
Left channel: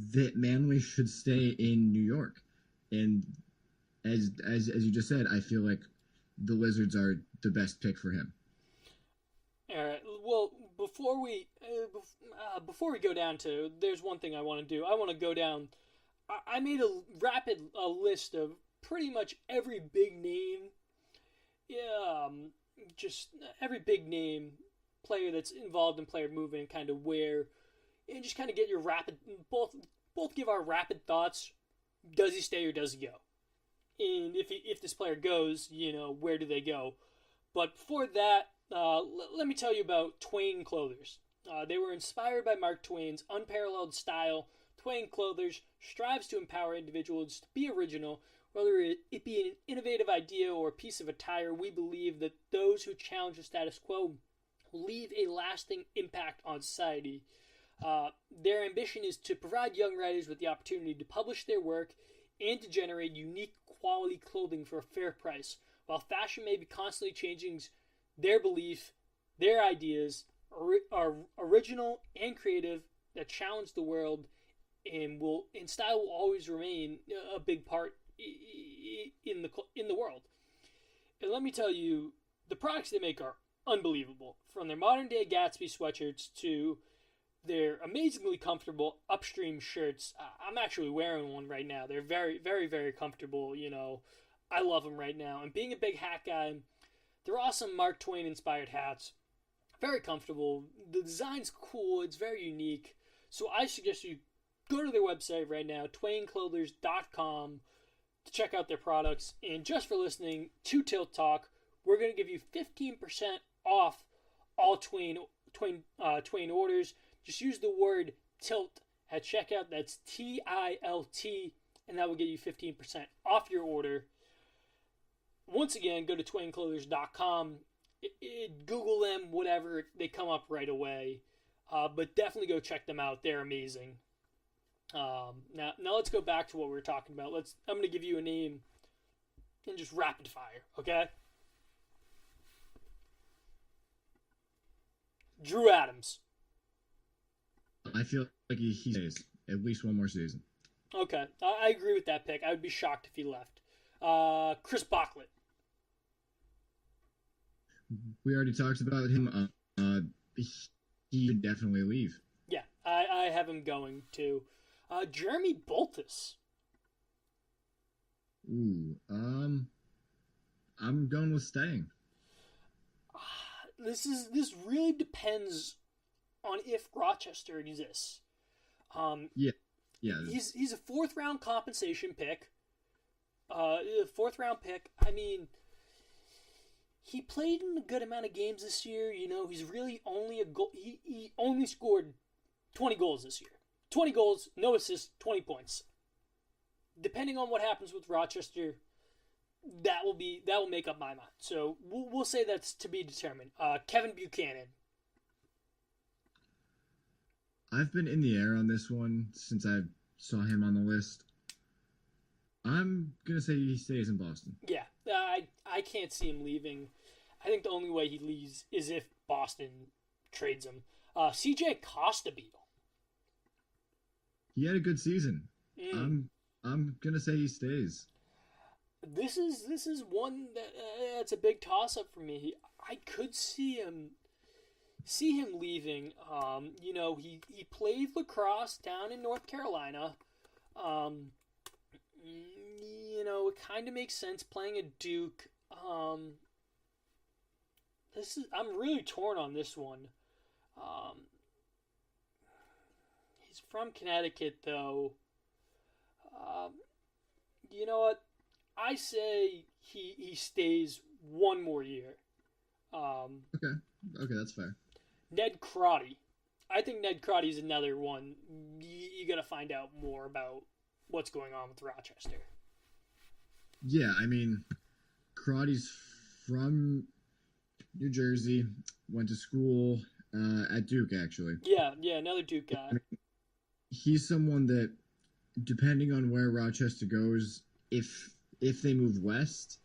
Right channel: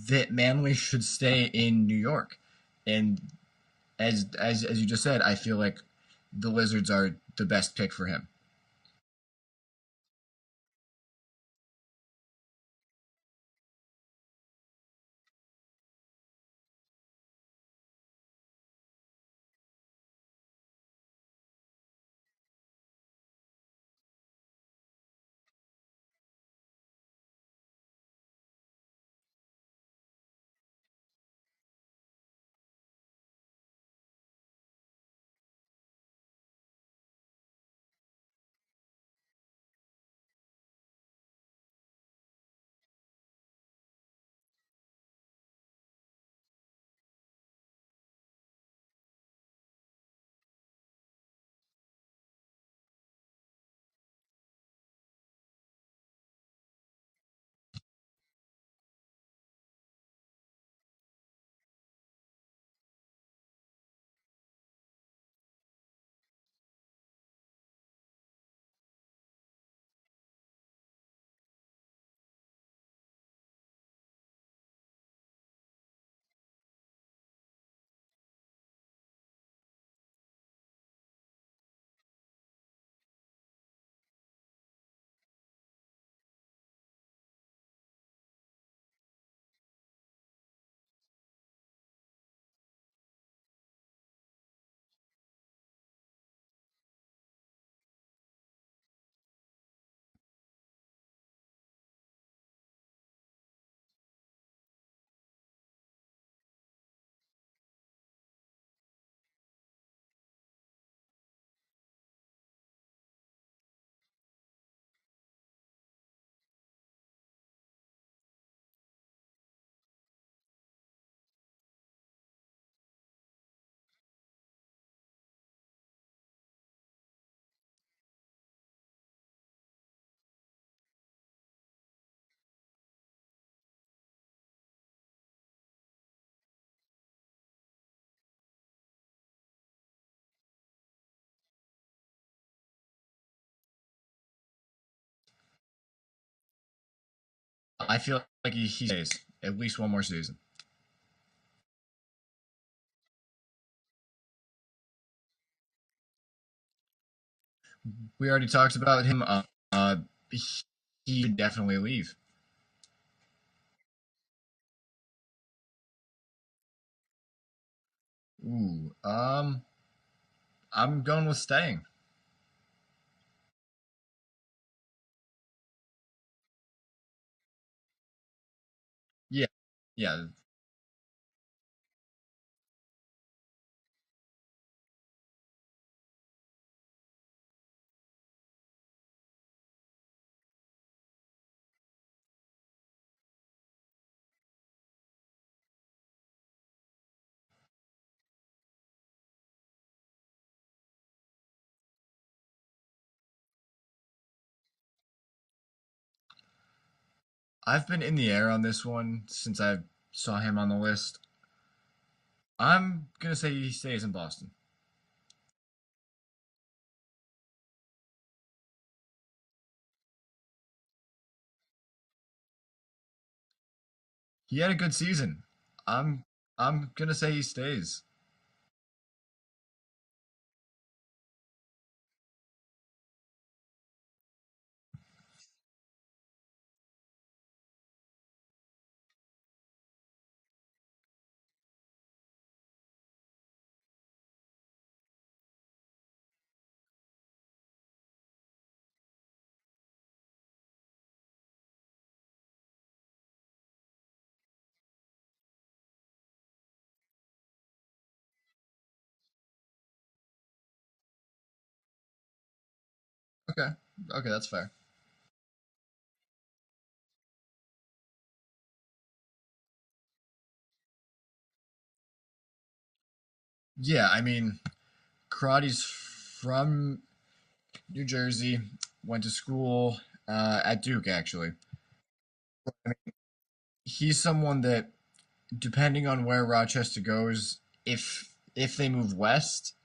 that Manley should stay in New York. And as you just said, I feel like the Lizards are the best pick for him. All right. Well, before we go down to, there's one thing I want to do. I want to go down. I made a rapid list of pretty much every big name. Yeah, just every big name player that's involved in player movement, kind of where, and just kind of get your rapid, both give our rapid thoughts. Does he stay or does he go? And if this player goes, you know, where do they go? But before that, let me tell you about Twain Clothers. They were inspired by Mark Twain's unparalleled style. Twain Clothers strives to empower individuals to be original. Whether it be an innovative idea or a piece of attire, we believe that those who challenge the status quo leave a lasting impact on society. Their ambition is to provide young writers with the opportunity to publish their work and to generate unique quality clothing for a fair price. While fashion may be constantly changing, their belief, their ideas are original and creative that challenge the world, and style will always remain a big part in the world. And let me tell you, the products they make are unbelievable. From their modern day Gatsby sweatshirts to their amazingly comfortable Upstream shirts. I'm actually wearing one right now. They're very, very, very comfortable. You know, I love them right now. And being a big hat guy, they're awesome Mark Twain inspired hats. Very comfortable. The design's cool. It's very unique. So I suggest you go to their website right now, twainclothers.com, to check out their products. And just for listening to Tilt Talk, we're going to give you 15% off all Twain orders. Just use the word TILT at checkout. That's TILT, and that will get you 15% off your order. Once again, go to twainclothers.com. Google them, whatever. They come up right away. But definitely go check them out. They're amazing. Now let's go back to what we were talking about. I'm going to give you a name and just rapid fire, okay? Drew Adams. I feel like he stays. at least one more season. Okay, I agree with that pick. I would be shocked if he left. Chris Bocklett. We already talked about him. He can definitely leave. Yeah, I have him going to. Jeremy Boltus. Ooh, I'm going with staying. This really depends on if Rochester exists. Yeah, yeah. He's a fourth round compensation pick. Fourth round pick. I mean, he played in a good amount of games this year. You know, he's really only a goal. He only scored 20 goals this year. 20 goals, no assists, 20 points. Depending on what happens with Rochester, that will make up my mind. So we'll say that's to be determined. Kevin Buchanan. I've been in the air on this one since I saw him on the list. I'm gonna say he stays in Boston. Yeah, I can't see him leaving. I think the only way he leaves is if Boston trades him. CJ Costabile. He had a good season. I'm gonna say he stays. This is one that's a big toss up for me. I could see him leaving. You know, he played lacrosse down in North Carolina. You know, it kind of makes sense playing at Duke. I'm really torn on this one. He's from Connecticut though. You know what? I say he stays one more year. Okay, that's fair. Ned Crotty. I think Ned Crotty's another one. You got to find out more about what's going on with Rochester. Yeah, I mean, Karate's from New Jersey, went to school at Duke, actually. Yeah, another Duke guy. He's someone that, depending on where Rochester goes, if they move west,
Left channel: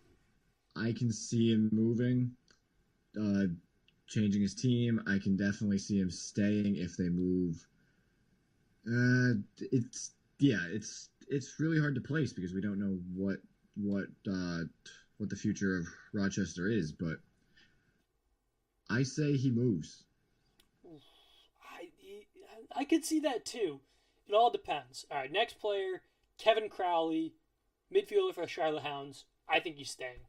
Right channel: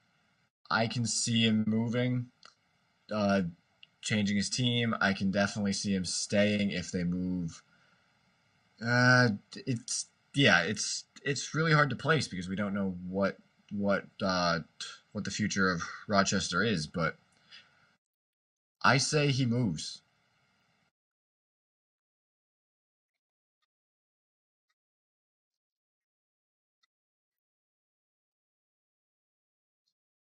I can see him moving, changing his team. I can definitely see him staying if they move. It's really hard to place because we don't know what the future of Rochester is, but I say he moves. I could see that too. It all depends. All right, next player, Kevin Crowley, midfielder for Charlotte Hounds. I think he's staying.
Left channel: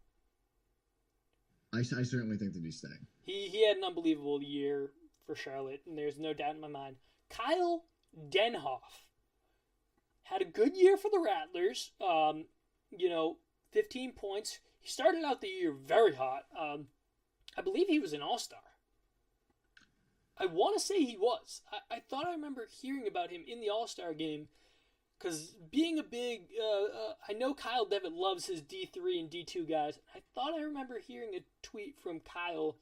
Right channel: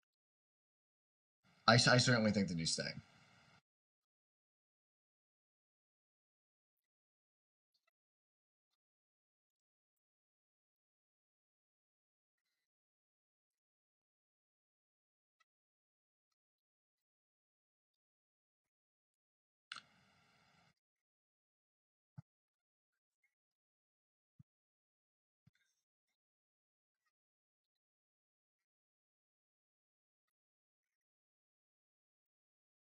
I certainly think that he's staying. He had an unbelievable year for Charlotte, and there's no doubt in my mind. Kyle Denhoff had a good year for the Rattlers. 15 points. He started out the year very hot. I believe he was an all-star. I want to say he was. I thought I remember hearing about him in the all-star game because being a big... I know Kyle Devitt loves his D3 and D2 guys. I thought I remember hearing a tweet from Kyle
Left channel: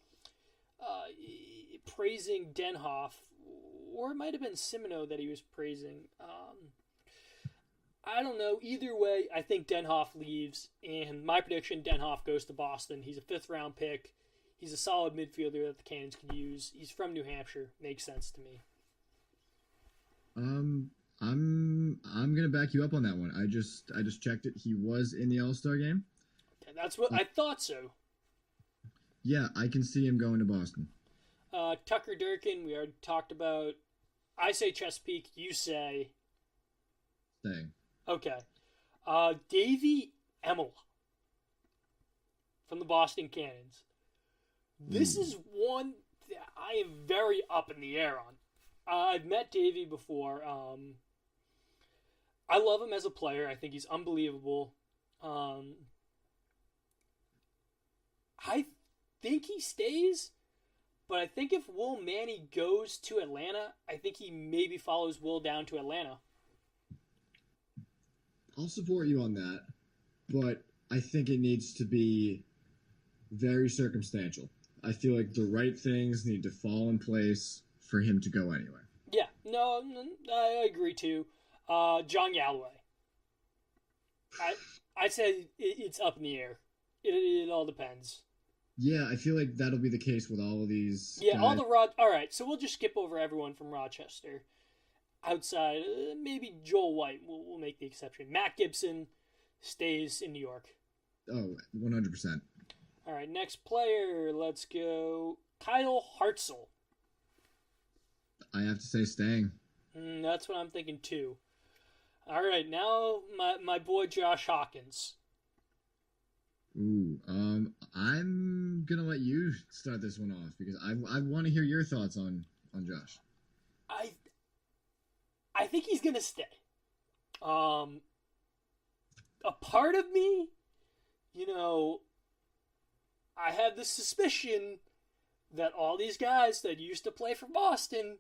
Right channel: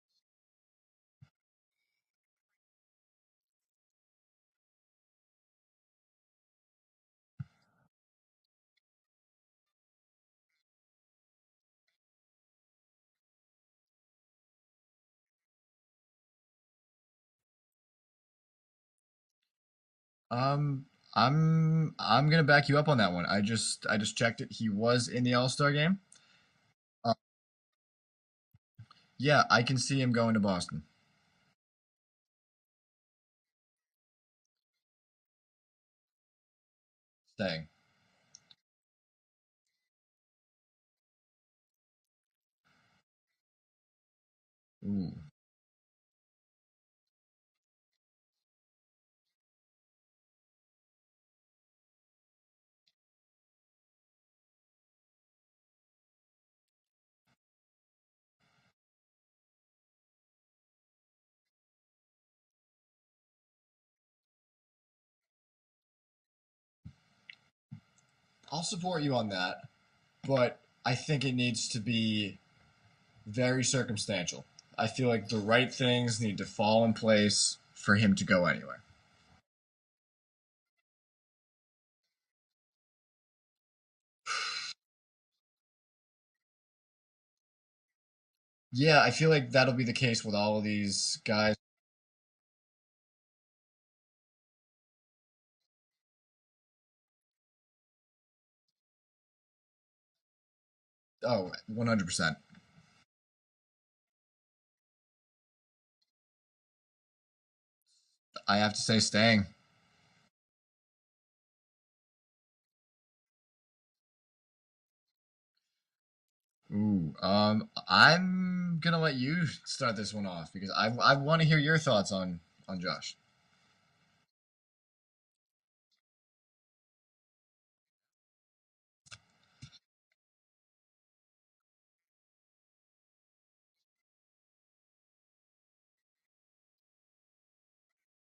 praising Denhoff, or it might have been Simino that he was praising. I don't know. Either way, I think Denhoff leaves, and my prediction, Denhoff goes to Boston. He's a fifth-round pick. He's a solid midfielder that the Cannons can use. He's from New Hampshire. Makes sense to me. I'm gonna back you up on that one. I just checked it. He was in the All-Star game. That's what I thought so. Yeah, I can see him going to Boston. Tucker Durkin, we already talked about. I say Chesapeake. You say Staying. Okay. Davey Emel from the Boston Cannons. This is one that I am very up in the air on. I've met Davey before. I love him as a player. I think he's unbelievable. I think he stays, but I think if Will Manny goes to Atlanta, I think he maybe follows Will down to Atlanta. I'll support you on that, but I think it needs to be very circumstantial. I feel like the right things need to fall in place for him to go anywhere. Yeah, no, I agree too. John Galloway. I'd say it's up in the air. It all depends. Yeah, I feel like that'll be the case with all of these guys. All right, so we'll just skip over everyone from Rochester. outside, maybe Joel White will make the exception. Matt Gibson stays in New York. Oh, 100%. All right, next player. Let's go Kyle Hartzell. I have to say staying. That's what I'm thinking too. All right, now my boy Josh Hawkins. Ooh, I'm gonna let you start this one off because I want to hear your thoughts on Josh. I I think he's gonna stay. Um, a part of me, you know, I have the suspicion that all these guys that used to play for Boston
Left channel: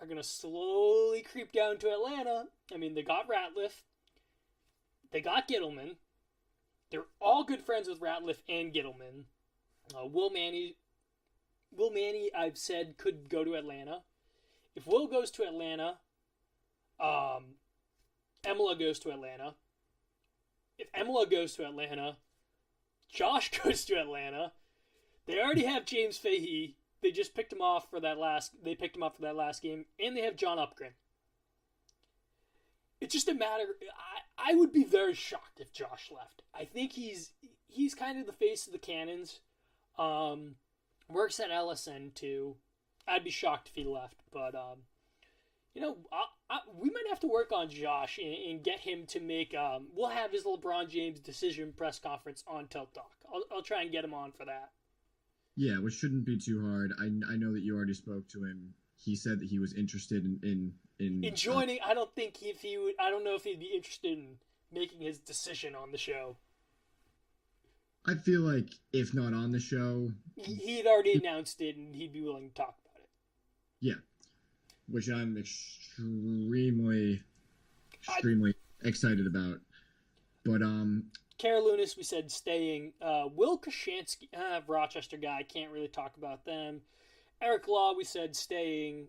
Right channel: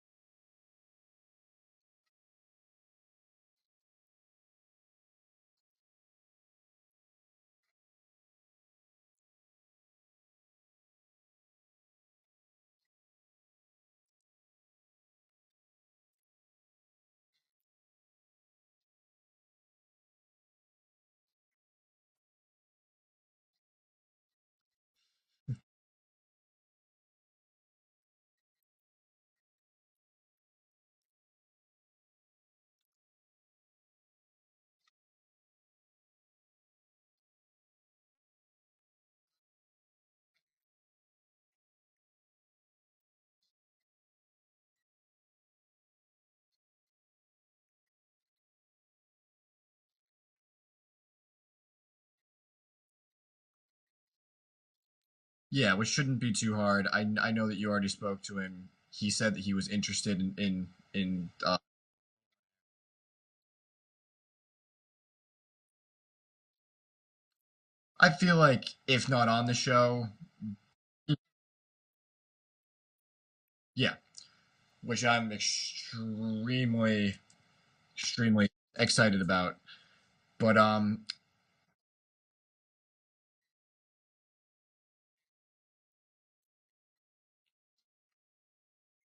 are going to slowly creep down to Atlanta. I mean, they got Ratliff. They got Gittleman. They're all good friends with Ratliff and Gittleman. Will Manny, I've said, could go to Atlanta. If Will goes to Atlanta, Emila goes to Atlanta. If Emila goes to Atlanta, Josh goes to Atlanta. They already have James Fahey. They just picked him off for that last. They picked him up for that last game, and they have John Upgren. It's just a matter. I would be very shocked if Josh left. I think he's kind of the face of the Cannons. Works at LSN too. I'd be shocked if he left, but we might have to work on Josh and get him to make. We'll have his LeBron James decision press conference on Tilt Talk. I'll try and get him on for that. Yeah, which shouldn't be too hard. I know that you already spoke to him. He said that he was interested in joining. I don't think if he would. I don't know if he'd be interested in making his decision on the show. I feel like if not on the show, he'd already announced it, and he'd be willing to talk about it. Yeah, which I'm extremely excited about. But Kara Lunis, we said staying. Will Kashansky, Rochester guy, can't really talk about them. Eric Law, we said staying.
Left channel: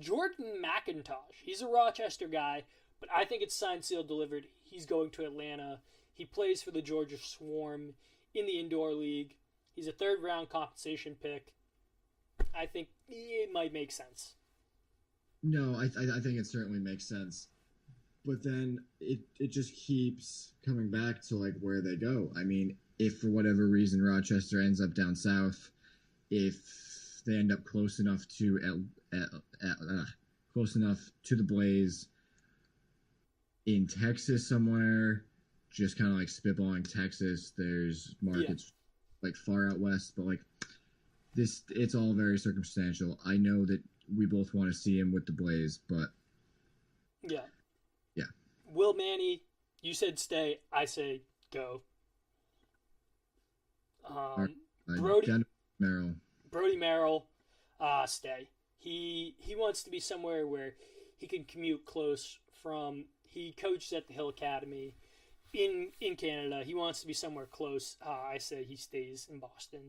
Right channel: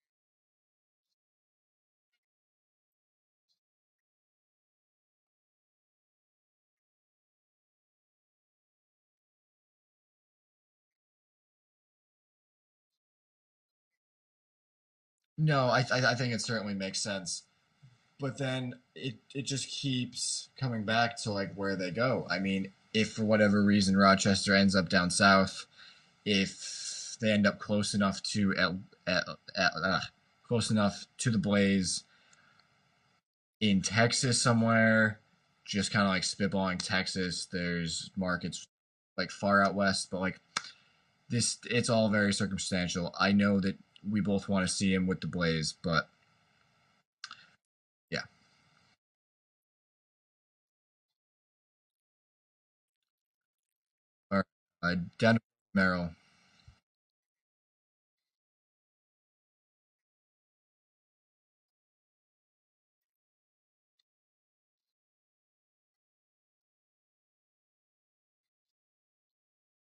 Jordan McIntosh, he's a Rochester guy, but I think it's signed, sealed, delivered. He's going to Atlanta. He plays for the Georgia Swarm in the indoor league. He's a third-round compensation pick. I think it might make sense. No, I think it certainly makes sense. But then it just keeps coming back to like where they go. I mean, if for whatever reason Rochester ends up down south, if they end up close enough to the Blaze in Texas somewhere, just kind of like spitballing Texas. There's markets like far out west, but like this, it's all very circumstantial. I know that we both want to see him with the Blaze, but yeah. Yeah. Will Manny, you said stay. I say go. Brody Merrill, stay. He wants to be somewhere where he can commute close from. He coaches at the Hill Academy in Canada. He wants to be somewhere close. I say he stays in Boston,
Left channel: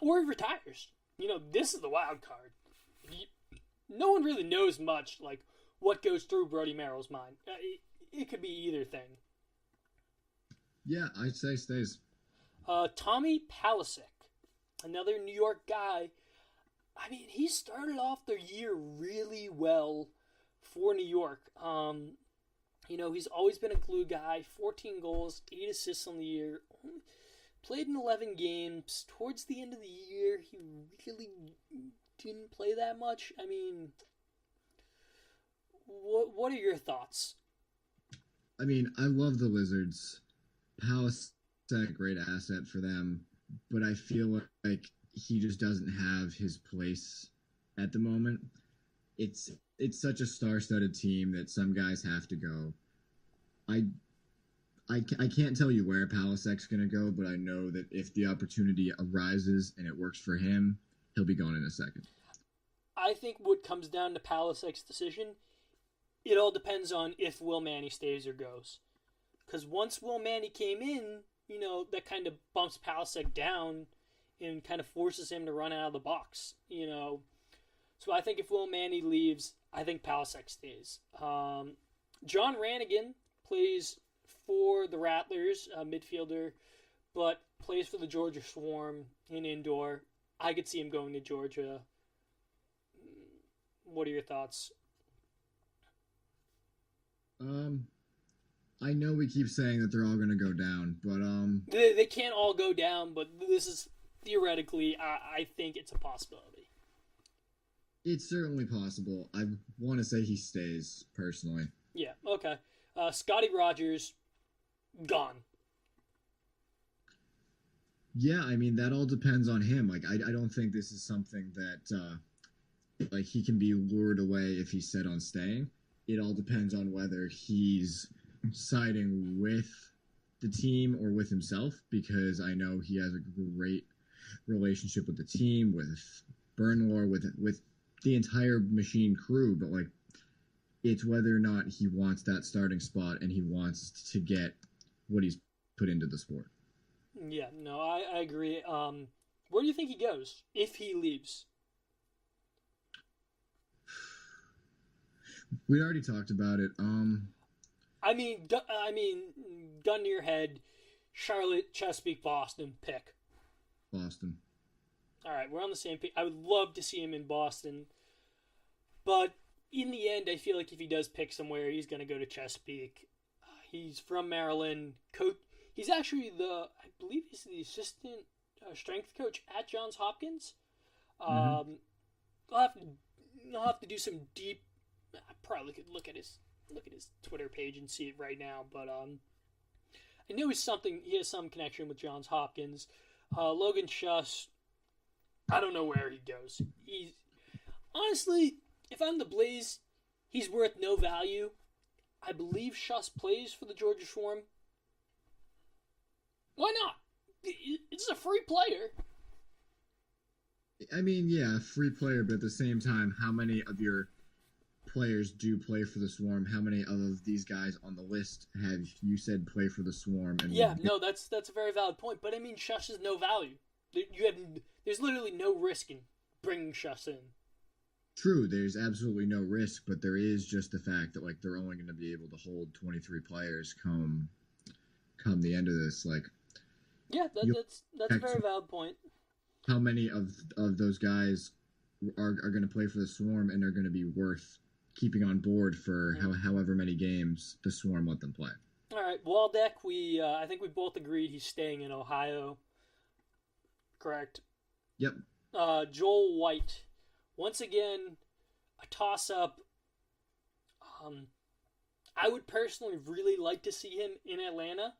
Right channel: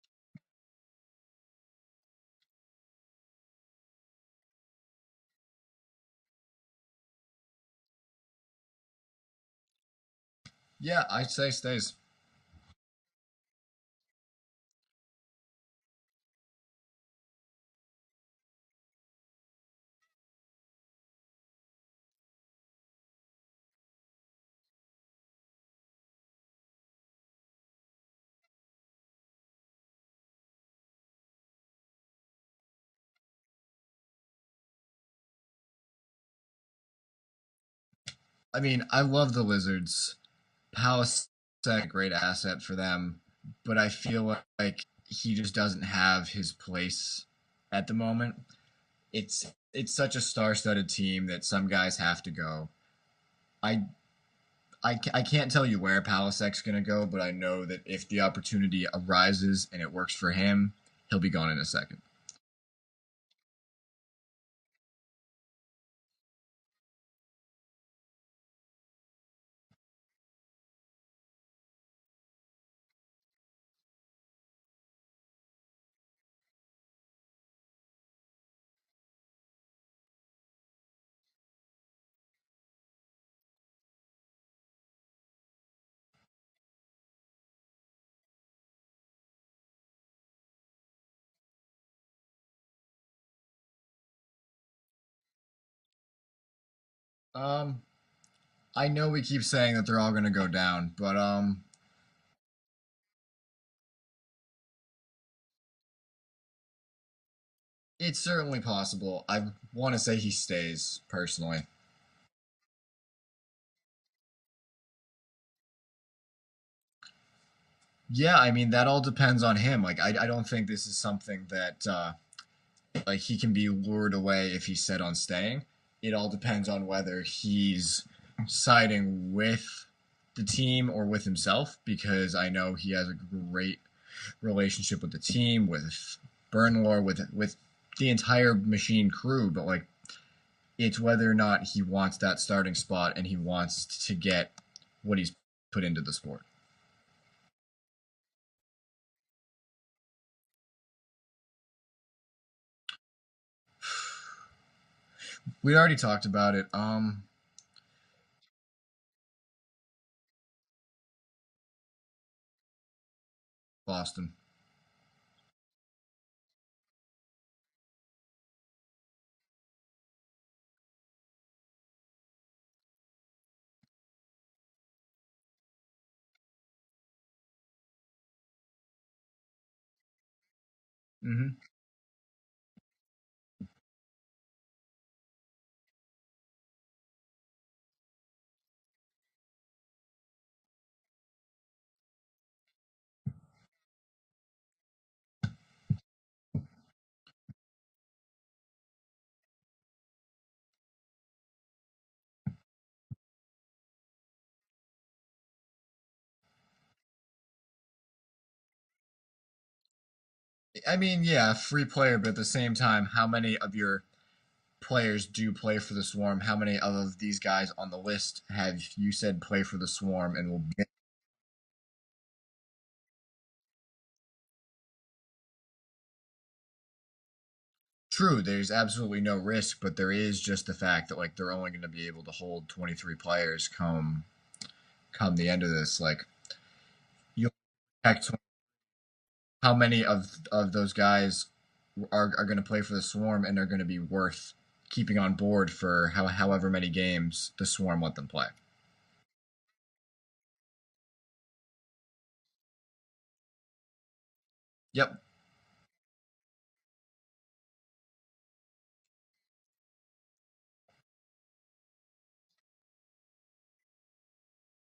or he retires. This is the wild card. No one really knows much like what goes through Brody Merrill's mind. It could be either thing. Yeah, I'd say stays. Tommy Palasek, another New York guy. I mean, he started off the year really well for New York. He's always been a glue guy. 14 goals, 8 assists on the year. Played in 11 games. Towards the end of the year, he really didn't play that much. I mean, what are your thoughts? I mean, I love the Lizards. Palace is a great asset for them, but I feel like he just doesn't have his place at the moment. It's such a star-studded team that some guys have to go. I can't tell you where Palasek's going to go, but I know that if the opportunity arises and it works for him, he'll be gone in a second. I think what comes down to Palasek's decision, it all depends on if Will Manny stays or goes. Because once Will Manny came in, that kind of bumps Palasek down and kind of forces him to run out of the box. So I think if Will Manny leaves, I think Palasek stays. John Rannigan plays for the Rattlers, midfielder, but plays for the Georgia Swarm in indoor. I could see him going to Georgia. What are your thoughts? Um, I know we keep saying that they're all going to go down, but They can't all go down, but this is theoretically, I think it's a possibility. it's certainly possible. I want to say he stays personally. Yeah, okay. Scotty Rogers, gone. Yeah, I mean that all depends on him. Like I don't think this is something that like he can be lured away if he's set on staying. It all depends on whether he's siding with the team or with himself, because I know he has a great relationship with the team, with Burnlore, with the entire machine crew. But like, it's whether or not he wants that starting spot and he wants to get what he's put into the sport. Yeah, no, I agree. Where do you think he goes if he leaves? We already talked about it. Gun to your head, Charlotte, Chesapeake, Boston, pick. Boston. All right, we're on the same page. I would love to see him in Boston, but in the end, I feel like if he does pick somewhere, he's going to go to Chesapeake. He's from Maryland. He's actually I believe he's the assistant strength coach at Johns Hopkins. Mm-hmm. I'll have to, I'll have to do some deep. I probably could look at his Twitter page and see it right now, but I know he has some connection with Johns Hopkins. Logan Schuss, I don't know where he goes. He's honestly, if I'm the Blaze, he's worth no value. I believe Schuss plays for the Georgia Swarm. Why not? It's a free player. I mean, yeah, free player, but at the same time, how many of your players do play for the Swarm? How many of these guys on the list have you said play for the Swarm and will Yeah, get? no, that's a very valid point. But I mean, Shush is no value. There's literally no risk in bringing Shush in. True, there's absolutely no risk, but there is just the fact that like they're only going to be able to hold 23 players come the end of this. Like Yeah, you that's a very valid point. how many of those guys are going to play for the Swarm and are going to be worth keeping on board for however many games the Swarm let them play. All right, Waldeck. I think we both agreed he's staying in Ohio. Correct. Yep. Joel White. Once again, a toss-up. I would personally really like to see him in Atlanta,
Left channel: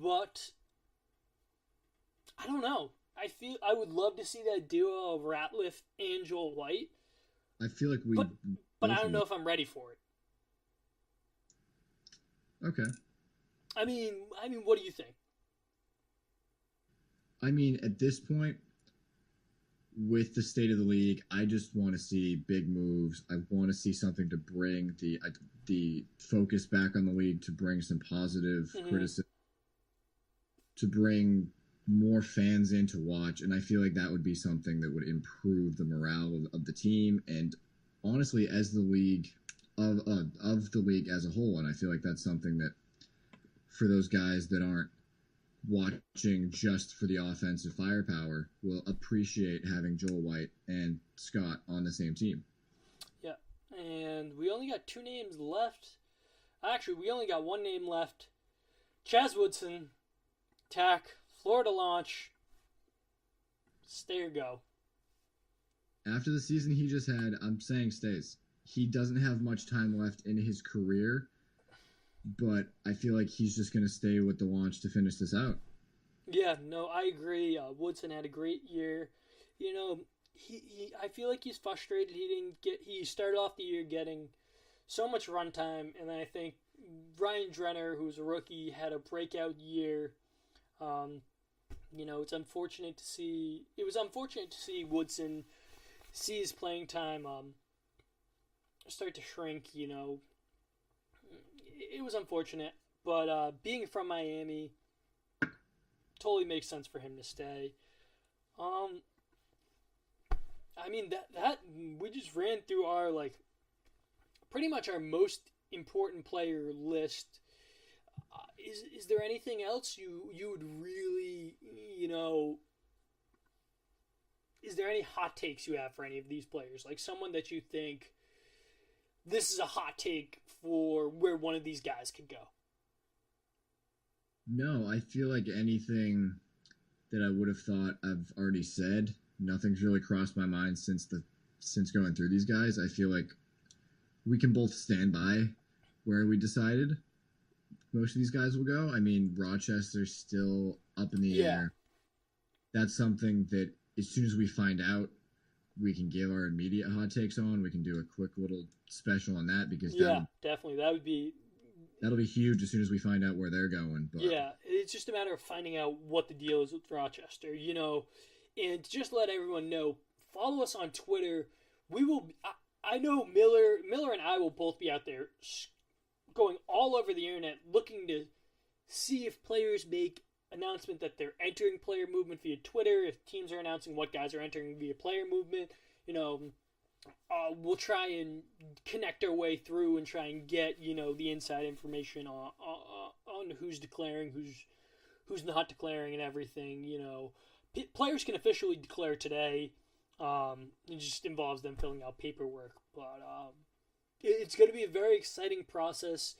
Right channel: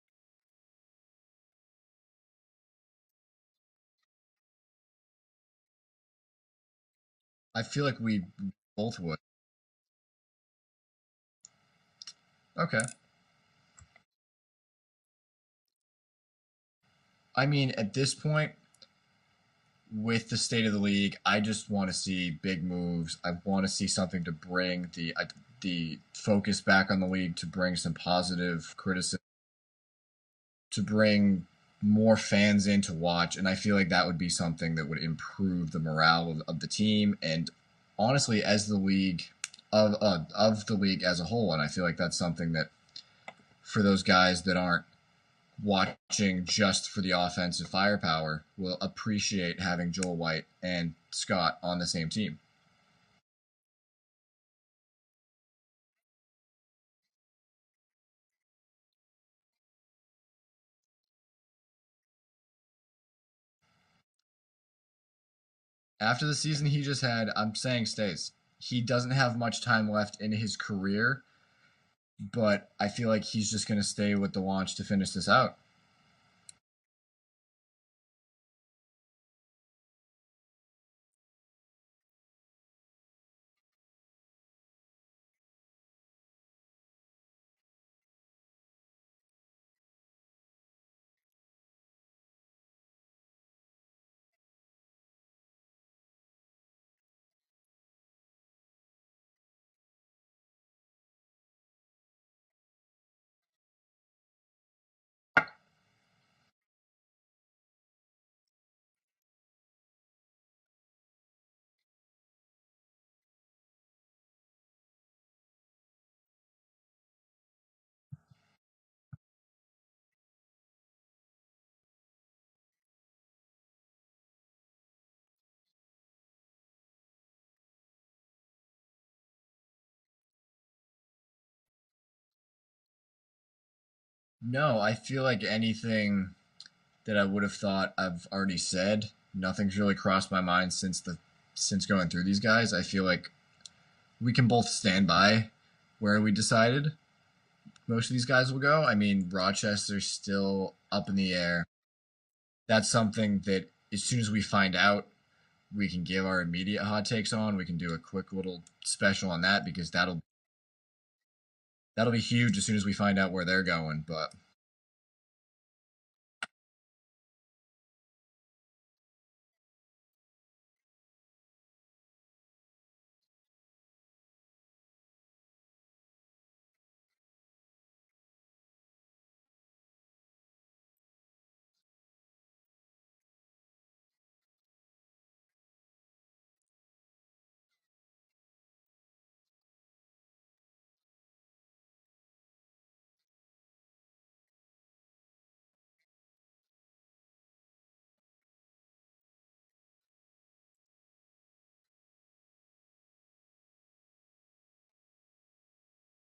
but I don't know. I would love to see that duo of Ratliff and Joel White, I feel like we but both I don't would. know if I'm ready for it. Okay. What do you think? I mean, at this point, with the state of the league, I just want to see big moves. I want to see something to bring the focus back on the league, to bring some positive criticism, to bring more fans in to watch, and I feel like that would be something that would improve the morale of the team and honestly as the league of the league as a whole. And I feel like that's something that for those guys that aren't watching just for the offensive firepower will appreciate having Joel White and Scott on the same team. Yeah, and we only got two names left. Actually, we only got one name left. Chaz Woodson, TAC, Florida launch. Stay or go. After the season he just had, I'm saying stays. He doesn't have much time left in his career, but I feel like he's just going to stay with the launch to finish this out. Yeah, no, I agree. Woodson had a great year. I feel like he's frustrated. He started off the year getting so much runtime, and then I think Ryan Drenner, who's a rookie, had a breakout year. It's unfortunate to see. It was unfortunate to see Woodson see his playing time start to shrink. It was unfortunate, but being from Miami, totally makes sense for him to stay. That we just ran through our pretty much our most important player list. Is there anything else you would really Is there any hot takes you have for any of these players? Like someone that you think this is a hot take for where one of these guys could go? No, I feel like anything that I would have thought I've already said. Nothing's really crossed my mind since going through these guys. I feel like we can both stand by where we decided most of these guys will go. I mean, Rochester's still up in the air. That's something that as soon as we find out, we can give our immediate hot takes on. We can do a quick little special on that because definitely that'll be huge as soon as we find out where they're going. But yeah, it's just a matter of finding out what the deal is with Rochester, and to just let everyone know, follow us on Twitter. We will. I know Miller and I will both be out there going all over the internet looking to see if players make announcement that they're entering Player Movement via Twitter, if teams are announcing what guys are entering via Player Movement. We'll try and connect our way through and try and get the inside information on who's declaring, who's not declaring, and everything. Players can officially declare today. It just involves them filling out paperwork, but it's going to be a very exciting process.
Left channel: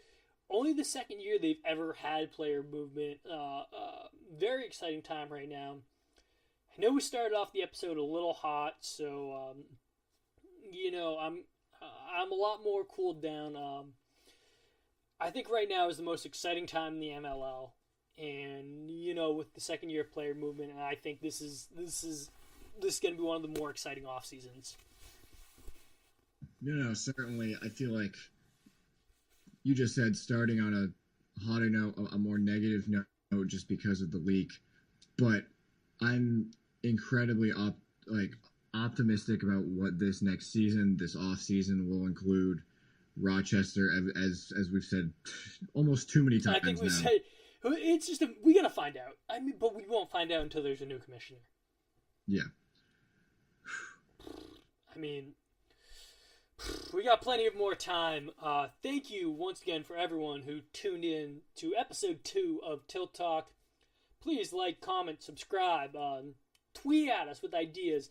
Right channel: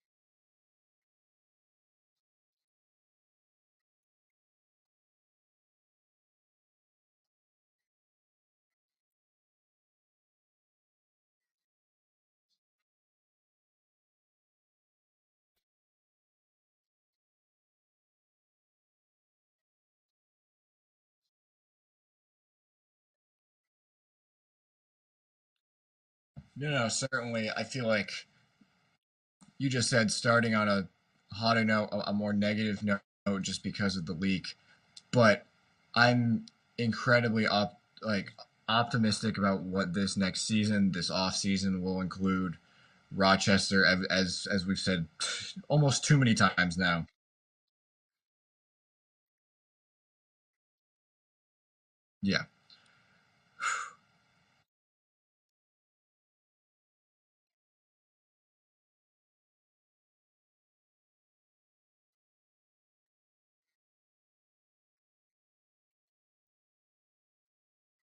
Only the second year they've ever had Player Movement. Very exciting time right now. I know we started off the episode a little hot, so I'm a lot more cooled down. I think right now is the most exciting time in the MLL, and with the second year of Player Movement, and I think this is going to be one of the more exciting off seasons. No, certainly. I feel like you just said starting on a hotter note, a more negative note, just because of the leak. But I'm incredibly optimistic about what this next season, this off season, will include. Rochester, as we've said almost too many times now. It's just we gotta find out. I mean, but we won't find out until there's a new commissioner. Yeah. I mean, we got plenty of more time. Thank you once again for everyone who tuned in to episode 2 of Tilt Talk. Please like, comment, subscribe, tweet at us with ideas.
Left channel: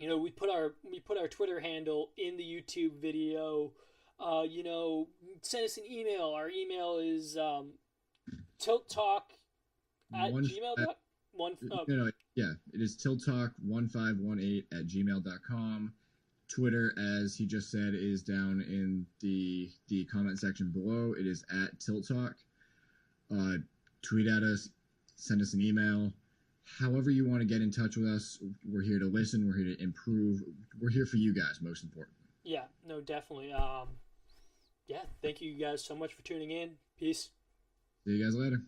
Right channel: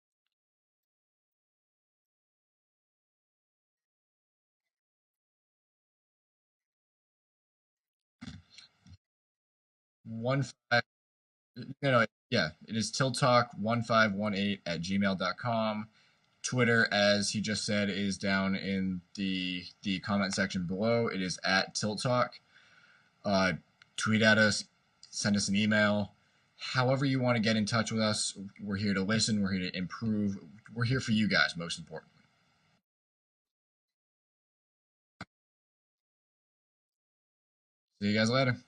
We put our Twitter handle in the YouTube video. Send us an email. Our email is tilttalk it is tilttalk1518@gmail.com. Twitter, as he just said, is down in the comment section below. It is @tilttalk. Tweet at us, send us an email. However you want to get in touch with us, we're here to listen. We're here to improve. We're here for you guys, most importantly. Yeah, no, definitely. Thank you guys so much for tuning in. Peace. See you guys later.